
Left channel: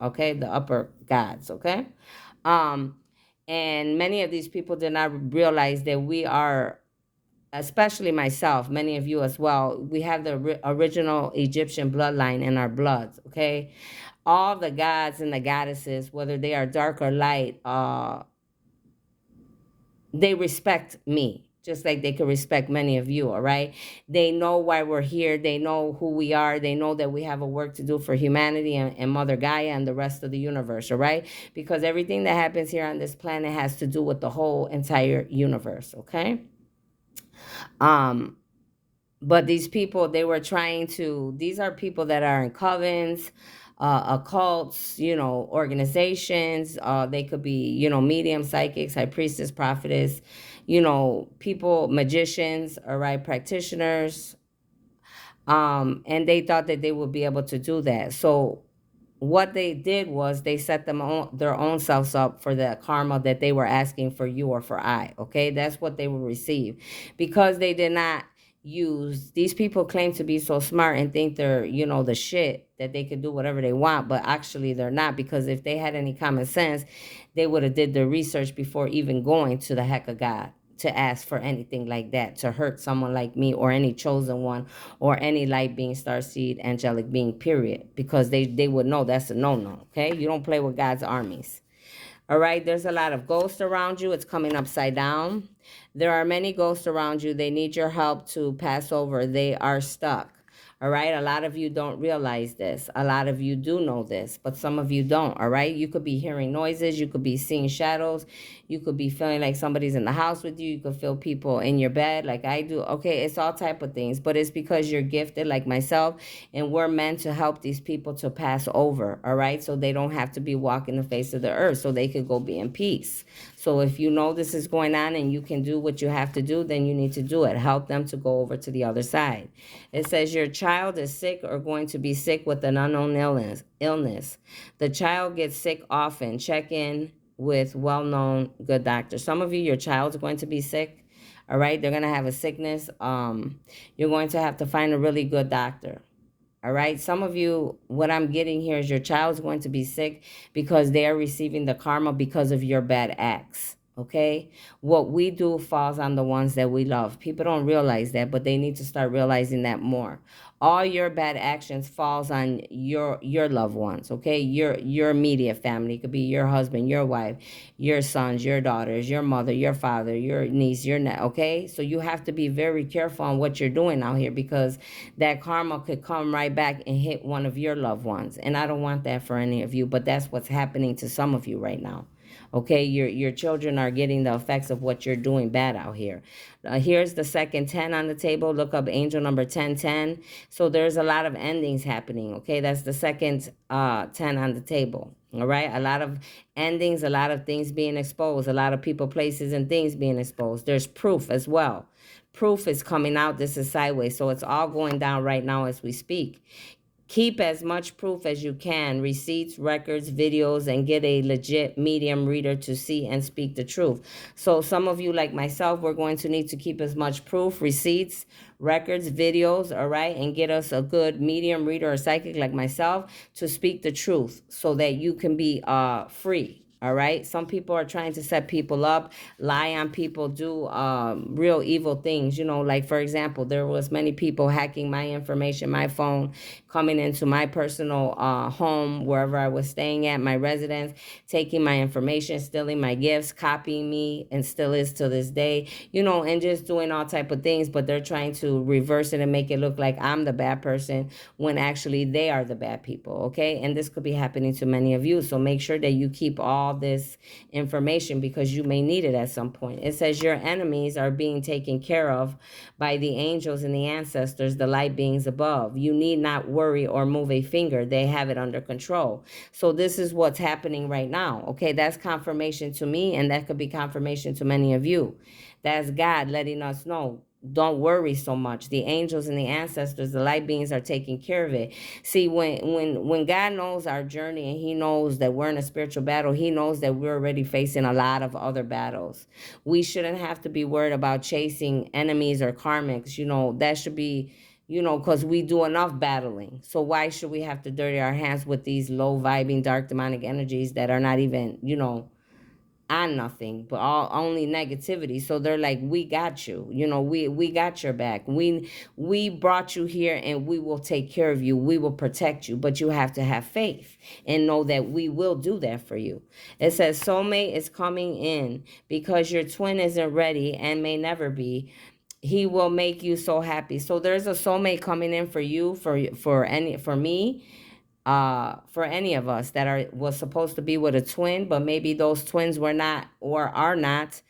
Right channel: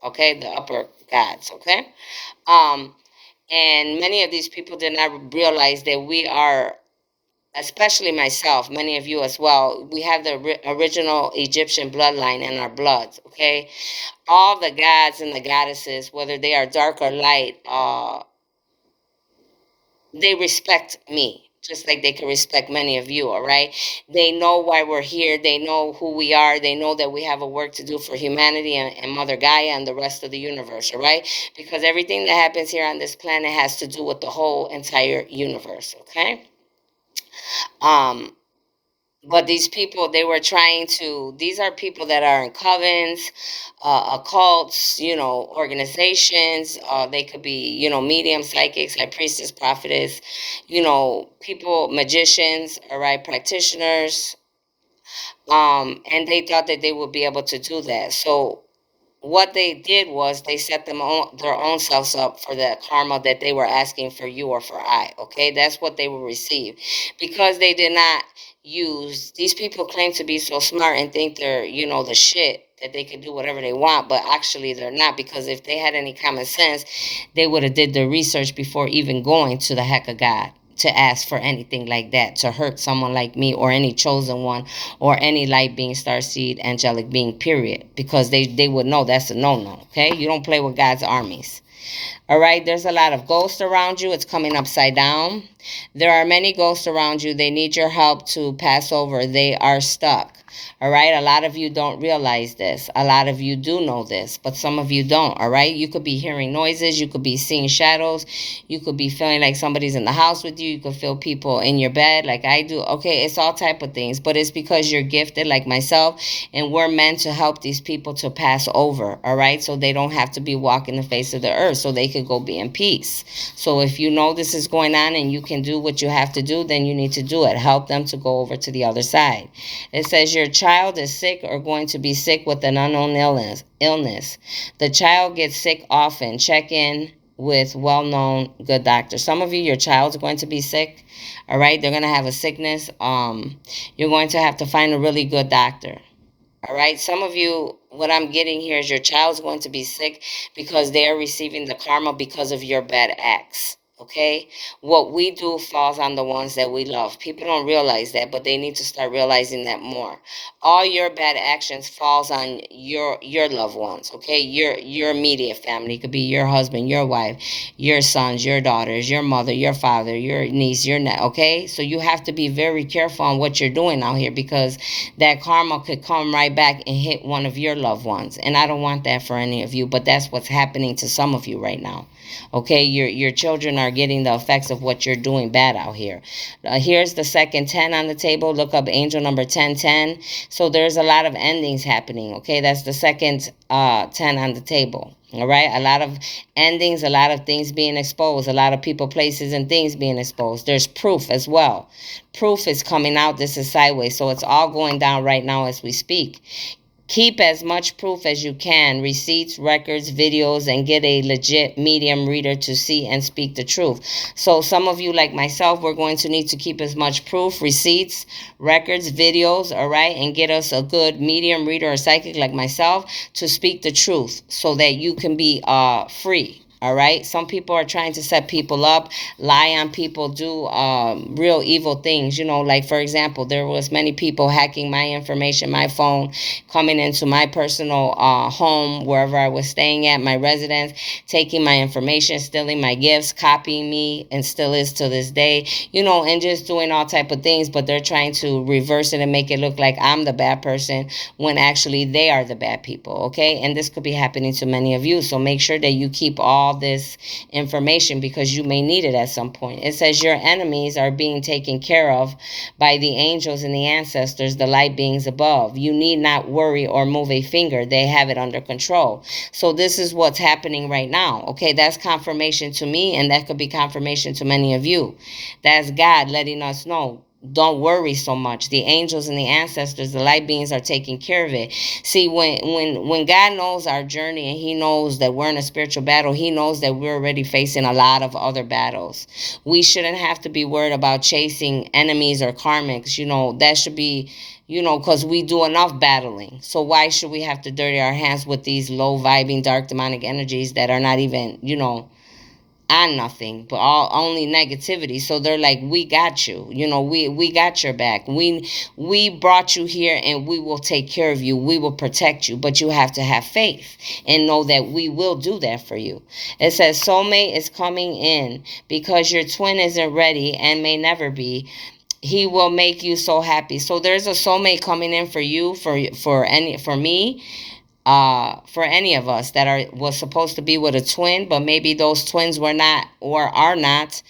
Okay, the upper gods. Okay. Um, and many of these people did not realize that we are, especially myself, many of you as well, we have the original Egyptian bloodline in our bloods, okay? All the gods and the goddesses, whether they are dark or light, they respect me, just like they can respect many of you, all right? They know why we're here. They know who we are. They know that we have a work to do for humanity and Mother Gaia and the rest of the universe, all right? Because everything that happens here on this planet has to do with the whole entire universe, okay? But these people, they were trying to, these are people that are in covens, occults, organizations. They could be, medium, psychics, high priestess, prophetess, people, magicians, all right, practitioners. And they thought that they would be able to do that. So what they did was they set their own selves up for the karma that they were asking for you or for I. Okay, that's what they will receive, because they did not use. These people claim to be so smart and think they're the shit, that they can do whatever they want, but actually they're not, because if they had any common sense, they would have did their research before even going to the heck of God to ask for anything like that, to hurt someone like me or any chosen one or any light being, starseed, angelic being, period, because they would know that's a no-no. Okay, you don't play with God's armies. All right, there's a lot of ghosts around you. It's coming upside down. There are many ghosts around you. They need your help to pass over. They are stuck. All right, a lot of you don't realize this. A lot of you do know this, but some of you don't. All right, you could be hearing noises. You could be seeing shadows. You could be feeling like somebody's in the house with you. You could feel people in your bed like I do. Okay, it's all type of things, but it's because you're gifted like myself, and we're meant to help these people to pass over. All right, so they don't have to be walking the face of the earth, so they could go be in peace. So if you know this is going on and you can do what you have to do, then you need to do it. Help them to go over to the other side. It says your child is sick or going to be sick with an unknown illness. The child gets sick often. Check in with well-known good doctors. Some of you, your child's going to be sick. All right, they're going to have a sickness. You're going to have to find a really good doctor. All right, some of you, what I'm getting here is your child's going to be sick because they are receiving the karma because of your bad acts. Okay, what we do falls on the ones that we love. People don't realize that, but they need to start realizing that more. All your bad actions falls on your loved ones. Okay, your immediate family. It could be your husband, your wife, your sons, your daughters, your mother, your father, your niece, your nephew. Okay, so you have to be very careful on what you're doing out here, because that karma could come right back and hit one of your loved ones, and I don't want that for any of you. But that's what's happening to some of you right now. Okay, your children are getting the effects of what you're doing bad out here. Here's the second 10 on the table. Look up angel number 1010. So there's a lot of endings happening. Okay, that's the second 10 on the table. All right, a lot of endings, a lot of things being exposed, a lot of people, places, and things being exposed. There's proof as well. Proof is coming out. This is sideways, so it's all going down right now as we speak. Keep as much proof as you can, receipts, records, videos, and get a legit medium reader to see and speak the truth. So some of you, like myself, we're going to need to keep as much proof, receipts, records, videos, all right, and get us a good medium reader or psychic like myself to speak the truth so that you can be free. All right. Some people are trying to set people up, lie on people, do real evil things. Like for example, there was many people hacking my information, my phone, coming into my personal home, wherever I was staying at, my residence, taking my information, stealing my gifts, copying me, and still is to this day. And just doing all type of things. But they're trying to reverse it and make it look like I'm the bad person when actually they are the bad people. Okay, and this could be happening to many of you. So make sure that you keep all this information because you may need it at some point. It says your enemies are being taken care of by the angels and the ancestors, the light beings above. You need not worry or move a finger. They have it under control. So this is what's happening right now. Okay, that's confirmation to me, and that could be confirmation to many of you. That's God letting us know, don't worry so much. The angels and the ancestors, the light beings are taking care of it. See, when God knows our journey and he knows that we're in a spiritual battle, he knows that we're already facing a lot of other battles. We shouldn't have to be worried about chasing enemies or karmics. That should be, because we do enough battling. So why should we have to dirty our hands with these low vibing, dark demonic energies that are not even, on nothing but only negativity? So they're like, we got you, we got your back, we brought you here and we will take care of you, we will protect you, but you have to have faith and know that we will do that for you. It says soulmate is coming in because your twin isn't ready and may never be. He will make you so happy. So there's a soulmate coming in for you, for me, for any of us that was supposed to be with a twin, but maybe those twins were not or are not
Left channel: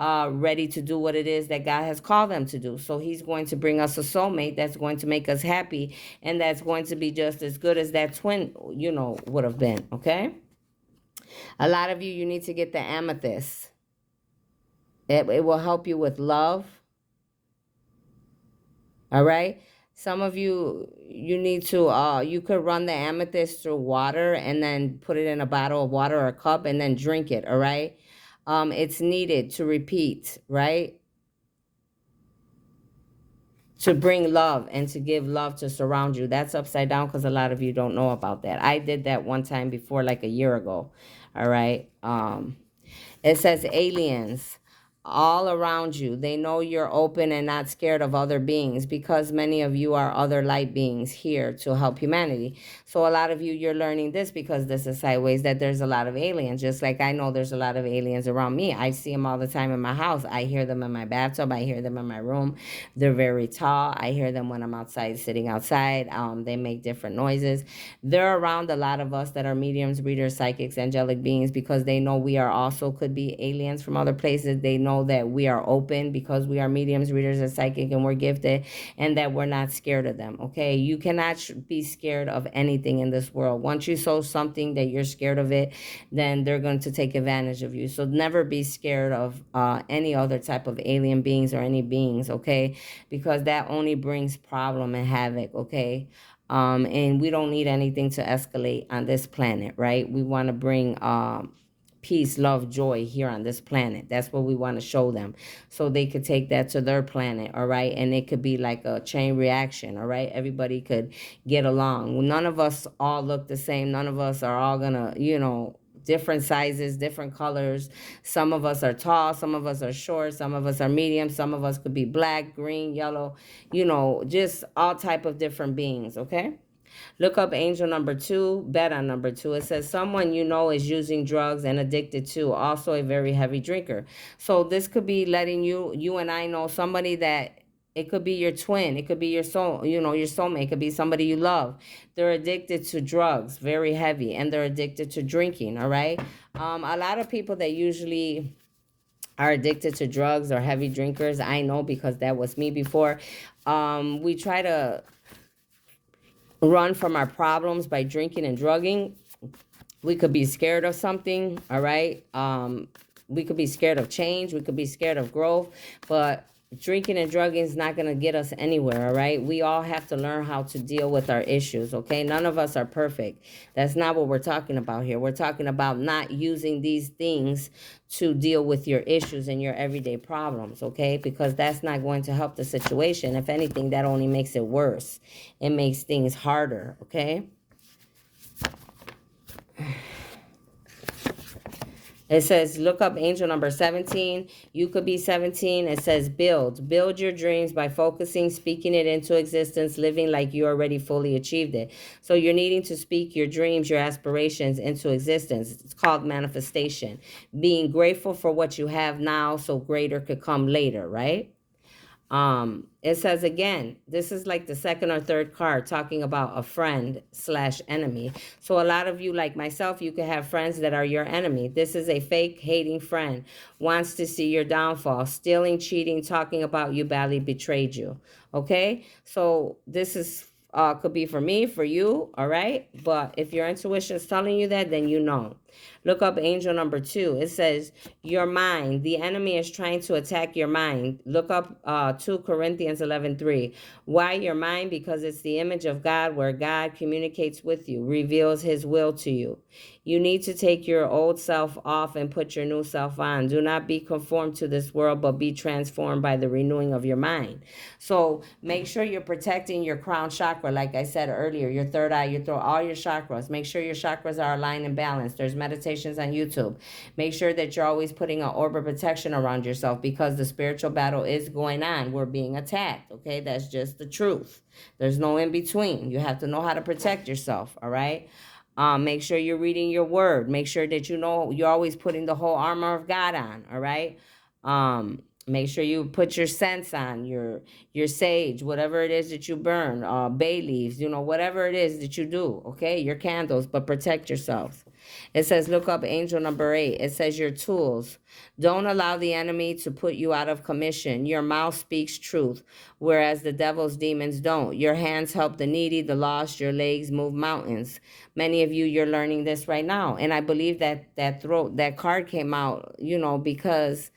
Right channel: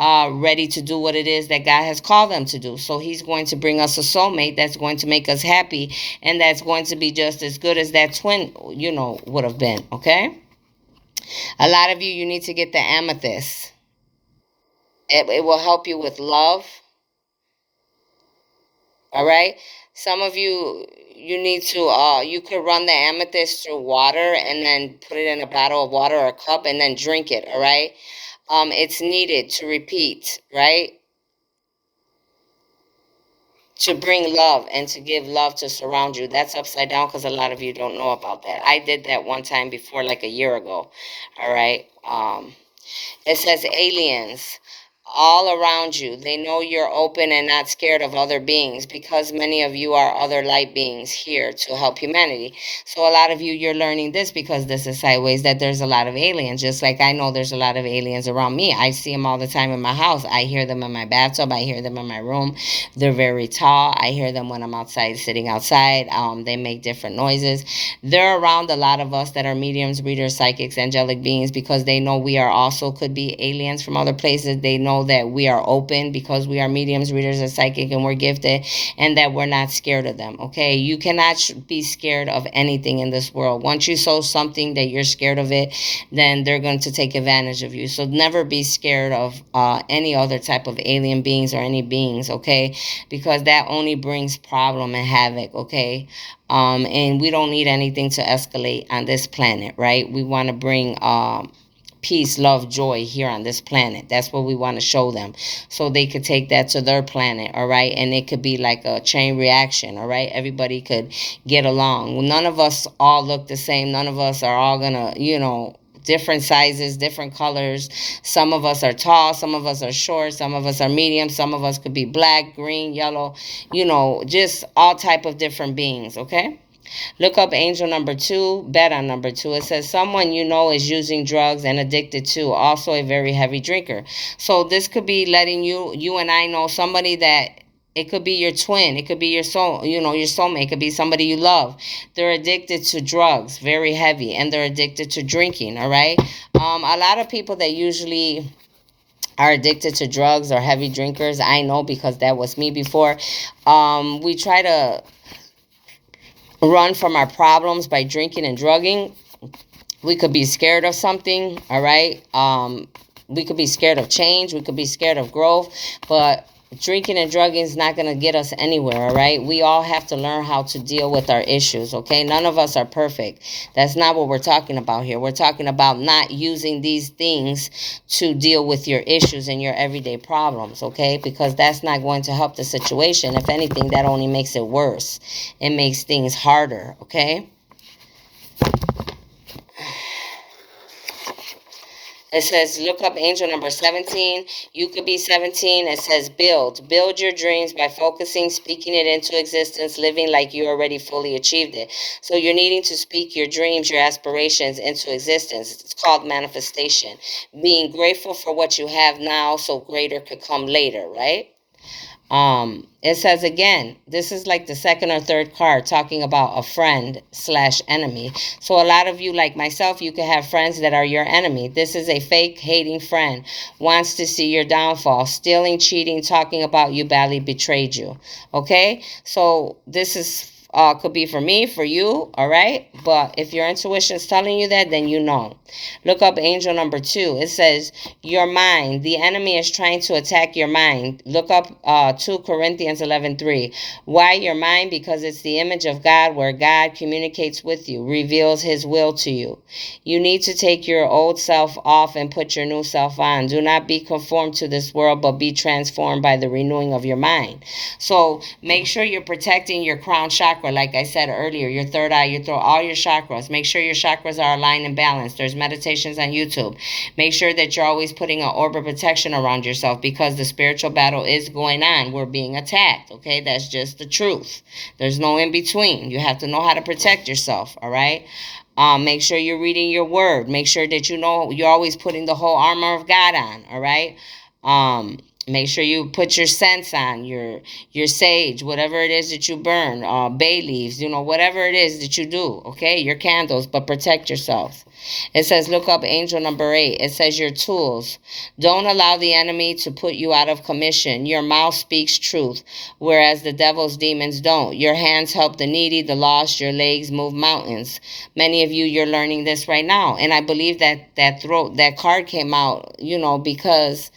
ready to do what it is that God has called them to do. So he's going to bring us a soulmate that's going to make us happy, and that's going to be just as good as that twin, would have been. Okay. A lot of you need to get the amethyst. It will help you with love. All right. Some of you need to, you could run the amethyst through water and then put it in a bottle of water or a cup and then drink it. All right. It's needed to repeat, right? To bring love and to give love to surround you. That's upside down because a lot of you don't know about that. I did that one time before, like a year ago. All right. It says aliens all around you. They know you're open and not scared of other beings because many of you are other light beings here to help humanity. So a lot of you, you're learning this because this is sideways, that there's a lot of aliens. Just like I know there's a lot of aliens around me. I see them all the time in my house. I hear them in my bathtub. I hear them in my room. They're very tall. I hear them when I'm outside, sitting outside. They make different noises. They're around a lot of us that are mediums, readers, psychics, angelic beings because they know we are also could be aliens from other places. They know that we are open because we are mediums, readers, and psychic, and we're gifted, and that we're not scared of them. Okay, you cannot be scared of anything in this world. Once you sow something that you're scared of it, then they're going to take advantage of you. So never be scared of any other type of alien beings or any beings. Okay, because that only brings problem and havoc. Okay. And we don't need anything to escalate on this planet, right? We want to bring peace, love, joy here on this planet. That's what we want to show them so they could take that to their planet, all right? And it could be like a chain reaction, all right? Everybody could get along. Well, none of us all look the same. None of us are all gonna, different sizes, different colors. Some of us are tall, some of us are short, some of us are medium, some of us could be black, green, yellow, just all type of different beings, okay? Look up angel number 2, bet on number 2. It says someone you know is using drugs and addicted to, also a very heavy drinker. So this could be letting you and I know somebody that it could be your twin. It could be your soul, your soulmate. It could be somebody you love. They're addicted to drugs, very heavy, and they're addicted to drinking, all right? A lot of people that usually are addicted to drugs or heavy drinkers, I know because that was me before. We try to run from our problems by drinking and drugging. We could be scared of something, all right? We could be scared of change. We could be scared of growth, but drinking and drugging is not going to get us anywhere, all right? We all have to learn how to deal with our issues, okay? None of us are perfect. That's not what we're talking about here. We're talking about not using these things to deal with your issues and your everyday problems, okay? Because that's not going to help the situation. If anything, that only makes it worse. It makes things harder, okay? It says, look up angel number 17. You could be 17. It says, build. Build your dreams by focusing, speaking it into existence, living like you already fully achieved it. So you're needing to speak your dreams, your aspirations into existence. It's called manifestation. Being grateful for what you have now so greater could come later, right? It says again, this is like the second or third card talking about a friend slash enemy. So a lot of you, like myself, you could have friends that are your enemy. This is a fake hating friend, wants to see your downfall, stealing, cheating, talking about you badly, betrayed you. Okay, so this is could be for me, for you, all right? But if your intuition is telling you that, then you know. Look up angel number 2. It says, your mind. The enemy is trying to attack your mind. Look up 2 Corinthians 11:3. Why your mind? Because it's the image of God, where God communicates with you, reveals his will to you. You need to take your old self off and put your new self on. Do not be conformed to this world, but be transformed by the renewing of your mind. So make sure you're protecting your crown chakra, like I said earlier, your third eye, your throat, all your chakras. Make sure your chakras are aligned and balanced. There's meditations on YouTube. Make sure that you're always putting an orb of protection around yourself, because the spiritual battle is going on. We're being attacked, okay? That's just the truth. There's no in between. You have to know how to protect yourself, all right? Make sure you're reading your word. Make sure that you know you're always putting the whole armor of God on, all right? Make sure you put your scents on, your sage, whatever it is that you burn, bay leaves, whatever it is that you do, okay? Your candles, but protect yourself. It says, look up angel number 8. It says, your tools. Don't allow the enemy to put you out of commission. Your mouth speaks truth, whereas the devil's demons don't. Your hands help the needy, the lost. Your legs move mountains. Many of you, you're learning this right now. And I believe that card came out, because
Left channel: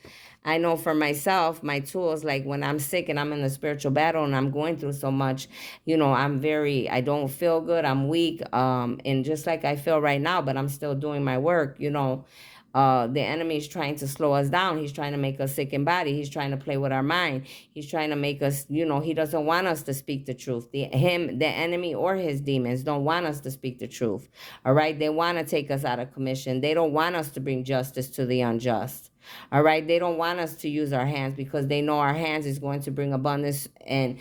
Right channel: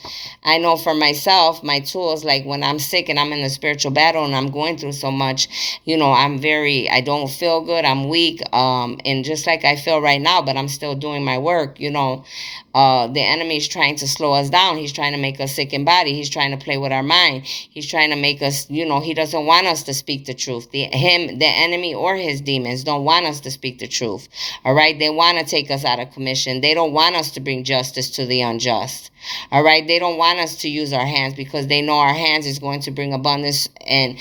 I know for myself, my tools, like when I'm sick and I'm in a spiritual battle and I'm going through so much, I don't feel good. I'm weak. And just like I feel right now, but I'm still doing my work, the enemy is trying to slow us down. He's trying to make us sick in body. He's trying to play with our mind. He's trying to make us, he doesn't want us to speak the truth. The enemy or his demons don't want us to speak the truth. All right. They want to take us out of commission. They don't want us to bring justice to the unjust. All right. They don't want us to use our hands, because they know our hands is going to bring abundance and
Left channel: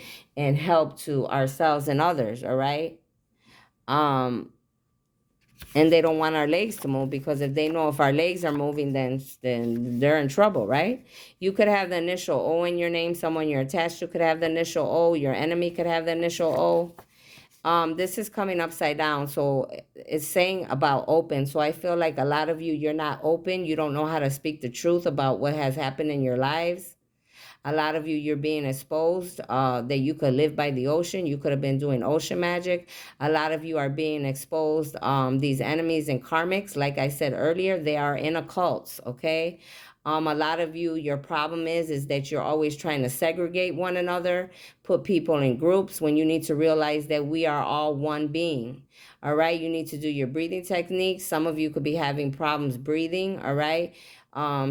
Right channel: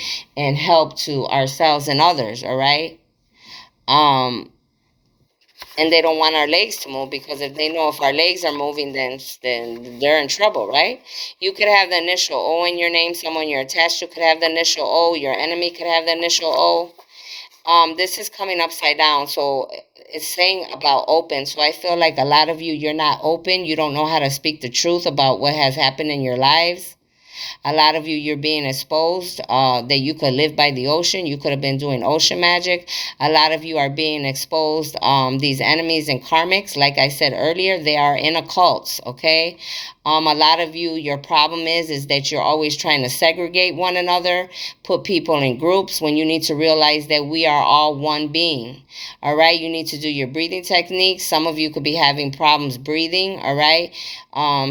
help to ourselves and others. All right. And they don't want our legs to move, because if they know if our legs are moving, then they're in trouble, right? You could have the initial O in your name. Someone you're attached to could have the initial O. Your enemy could have the initial O. This is coming upside down, so it's saying about open. So I feel like a lot of you, you're not open. You don't know how to speak the truth about what has happened in your lives. A lot of you, you're being exposed that you could live by the ocean. You could have been doing ocean magic. A lot of you are being exposed. These enemies and karmics, like I said earlier, they are in occults, okay? A lot of you, your problem is that you're always trying to segregate one another, put people in groups, when you need to realize that we are all one being. All right, you need to do your breathing techniques. Some of you could be having problems breathing. All right.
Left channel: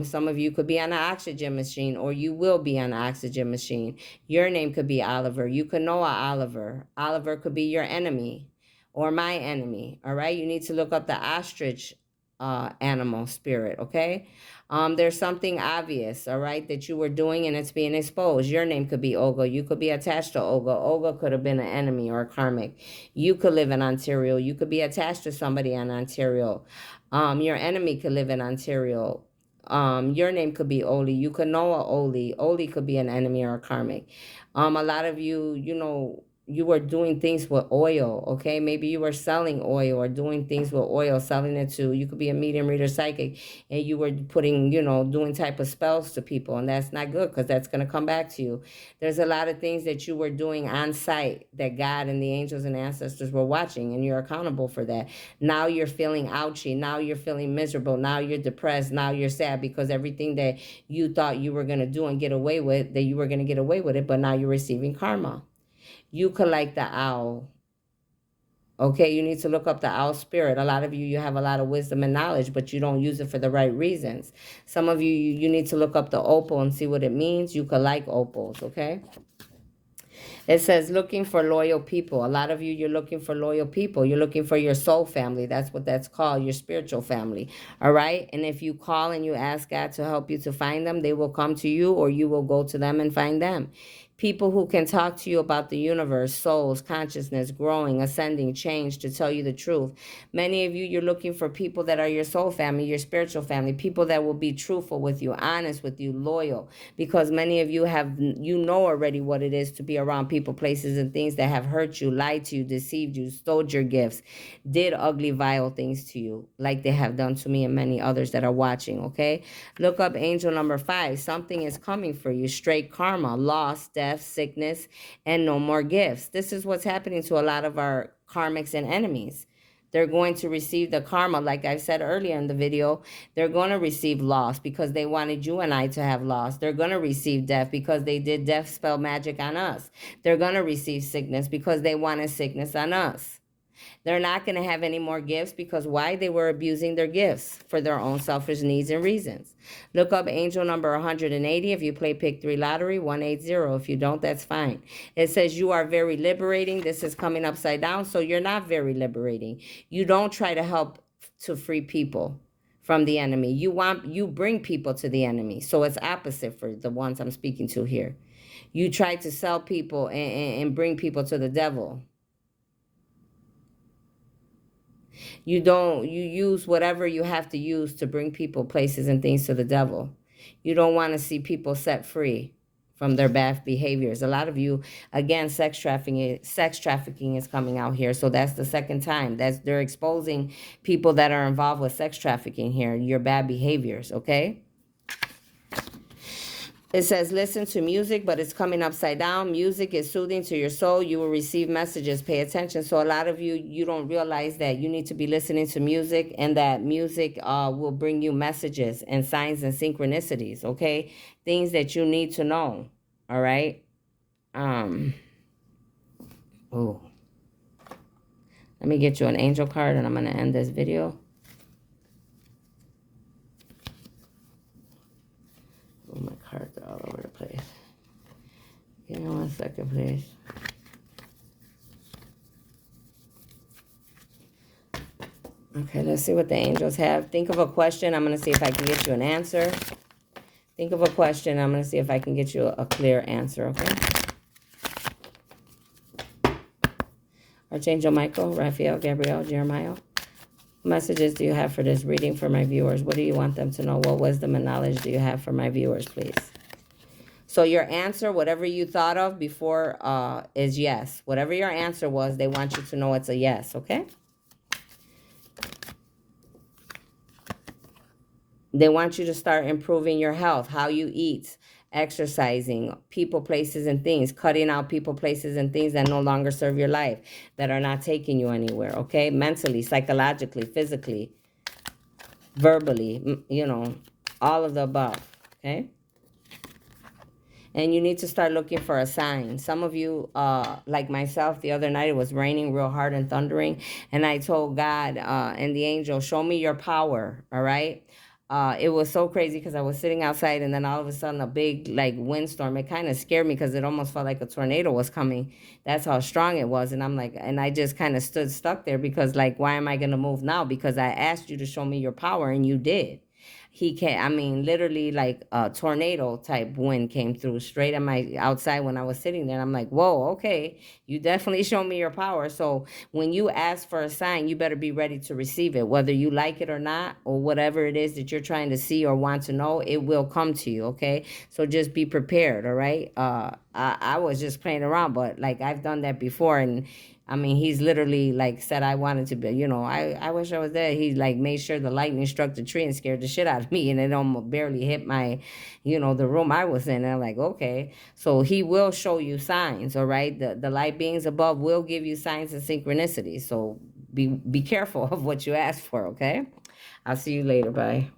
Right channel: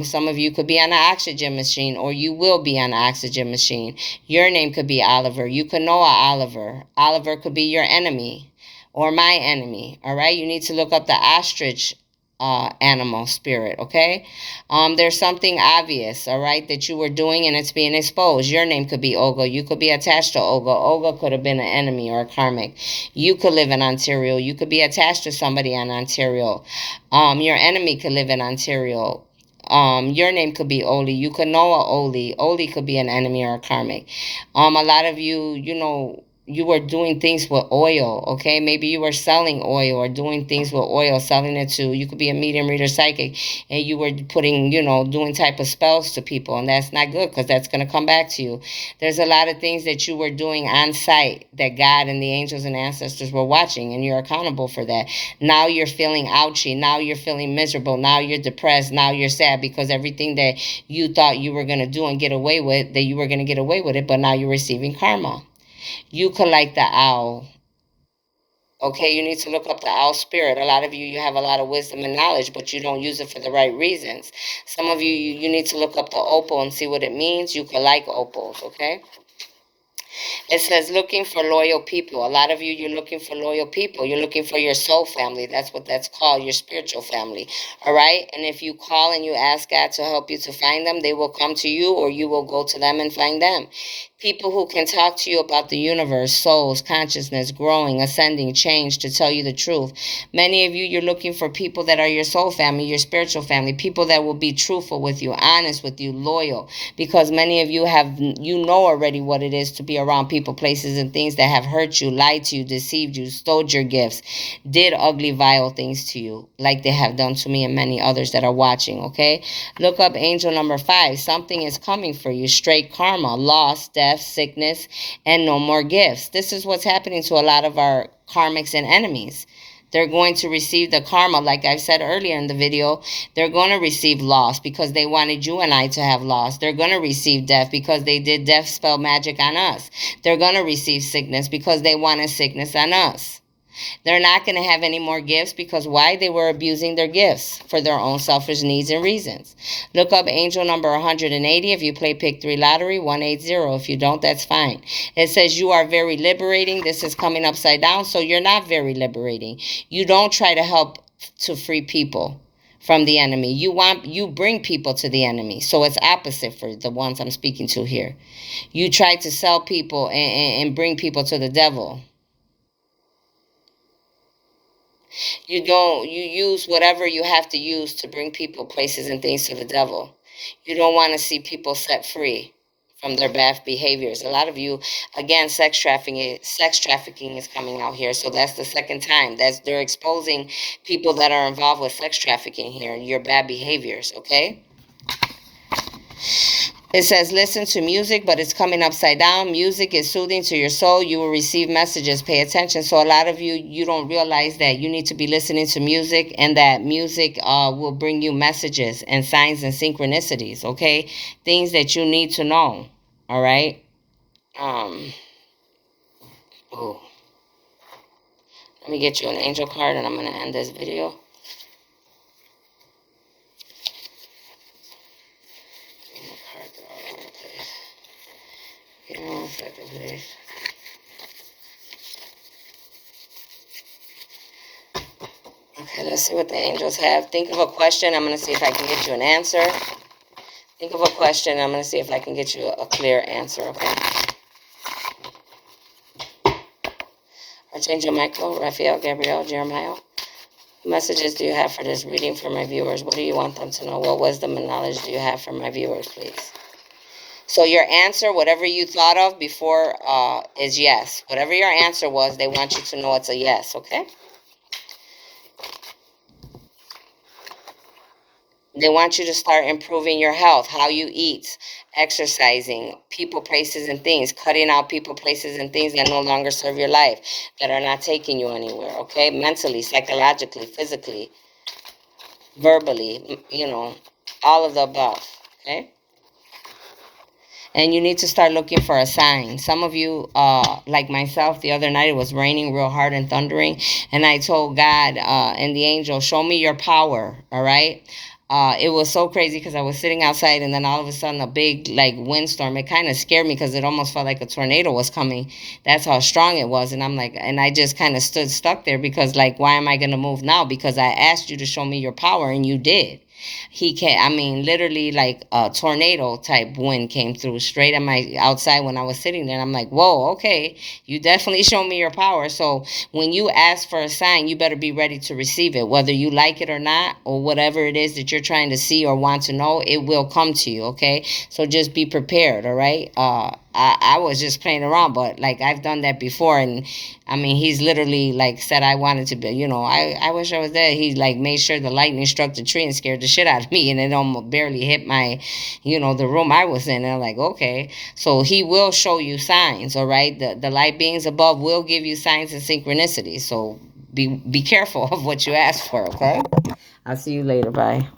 Some of you could be on an oxygen machine, or you will be on an oxygen machine. Your name could be Oliver. You could know Oliver. Oliver could be your enemy or my enemy. All right. You need to look up the ostrich animal spirit, okay? There's something obvious, all right, that you were doing and it's being exposed. Your name could be Olga. You could be attached to Olga. Olga could have been an enemy or a karmic. You could live in Ontario. You could be attached to somebody in Ontario. Your enemy could live in Ontario. Your name could be Oli. You could know a Oli. Oli could be an enemy or a karmic. A lot of you, you were doing things with oil, okay? Maybe you were selling oil or doing things with oil, selling it to, you could be a medium, reader, psychic, and you were putting, doing type of spells to people, and that's not good, because that's going to come back to you. There's a lot of things that you were doing on site that God and the angels and ancestors were watching, and you're accountable for that. Now you're feeling ouchy. Now you're feeling miserable. Now you're depressed. Now you're sad, because everything that you thought you were going to do and get away with, that you were going to get away with it, but now you're receiving karma. You could like the owl. Okay, you need to look up the owl spirit. A lot of you, you have a lot of wisdom and knowledge, but you don't use it for the right reasons. Some of you, you need to look up the opal and see what it means. You could like opals, okay? It says looking for loyal people. A lot of you, you're looking for loyal people. You're looking for your soul family. That's what that's called, your spiritual family. All right? And if you call and you ask God to help you to find them, they will come to you, or you will go to them and find them. People who can talk to you about the universe, souls, consciousness, growing, ascending, change, to tell you the truth. Many of you, you're looking for people that are your soul family, your spiritual family, people that will be truthful with you, honest with you, loyal, because many of you have, you know already what it is to be around people, places, and things that have hurt you, lied to you, deceived you, stole your gifts, did ugly, vile things to you, like they have done to me and many others that are watching, okay? Look up angel number 5. Something is coming for you. Straight karma, loss, death, sickness, and no more gifts. This is what's happening to a lot of our karmics and enemies. They're going to receive the karma, like I said earlier in the video. They're going to receive loss because they wanted you and I to have loss. They're going to receive death because they did death spell magic on us. They're going to receive sickness because they wanted sickness on us. They're not going to have any more gifts because why? They were abusing their gifts for their own selfish needs and reasons. Look up angel number 180 if you play Pick 3 Lottery, 180. If you don't, that's fine. It says you are very liberating. This is coming upside down, so you're not very liberating. You don't try to help to free people from the enemy. You bring people to the enemy. So it's opposite for the ones I'm speaking to here. You try to sell people and bring people to the devil. You use whatever you have to use to bring people, places, and things to the devil. You don't want to see people set free from their bad behaviors. A lot of you, again, sex trafficking is coming out here. So that's the second time. They're exposing people that are involved with sex trafficking here, your bad behaviors, okay? It says, listen to music, but it's coming upside down. Music is soothing to your soul. You will receive messages. Pay attention. So a lot of you, you don't realize that you need to be listening to music, and that music will bring you messages and signs and synchronicities, okay? Things that you need to know, all right? Oh. Let me get you an angel card, and I'm going to end this video. My cards are all over the place. Give me 1 second, please. Okay, let's see what the angels have. Think of a question. I'm going to see if I can get you an answer. Think of a question. I'm going to see if I can get you a clear answer, okay? Archangel Michael, Raphael, Gabriel, Jeremiah. What messages do you have for this reading for my viewers? What do you want them to know? What wisdom and knowledge do you have for my viewers, please? So your answer, whatever you thought of before, is yes. Whatever your answer was, they want you to know it's a yes, okay? They want you to start improving your health, how you eat, exercising, people, places, and things, cutting out people, places, and things that no longer serve your life, that are not taking you anywhere, okay? Mentally, psychologically, physically, verbally, you know, all of the above, okay? And you need to start looking for a sign. Some of you, like myself, the other night it was raining real hard and thundering, and I told God and the angel, show me your power, all right? It was so crazy because I was sitting outside, and then all of a sudden a big like windstorm. It kind of scared me because it almost felt like a tornado was coming. That's how strong it was. And I'm like, and I just kind of stood stuck there because like, why am I going to move now? Because I asked you to show me your power, and you did. He can't, I mean, literally like a tornado type wind came through straight at my outside when I was sitting there. And I'm like, whoa, okay, you definitely show me your power. So when you ask for a sign, you better be ready to receive it, whether you like it or not, or whatever it is that you're trying to see or want to know, it will come to you, okay? So just be prepared, all right? I was just playing around, but like I've done that before, and I mean, he's literally like said I wanted to be, you know, I wish I was there. He like made sure the lightning struck the tree and scared the shit out of me, and it almost barely hit my, you know, the room I was in. And I'm like, okay, so he will show you signs, all right? The light beings above will give you signs and synchronicities. So be careful of what you ask for, okay? I'll see you later. Bye.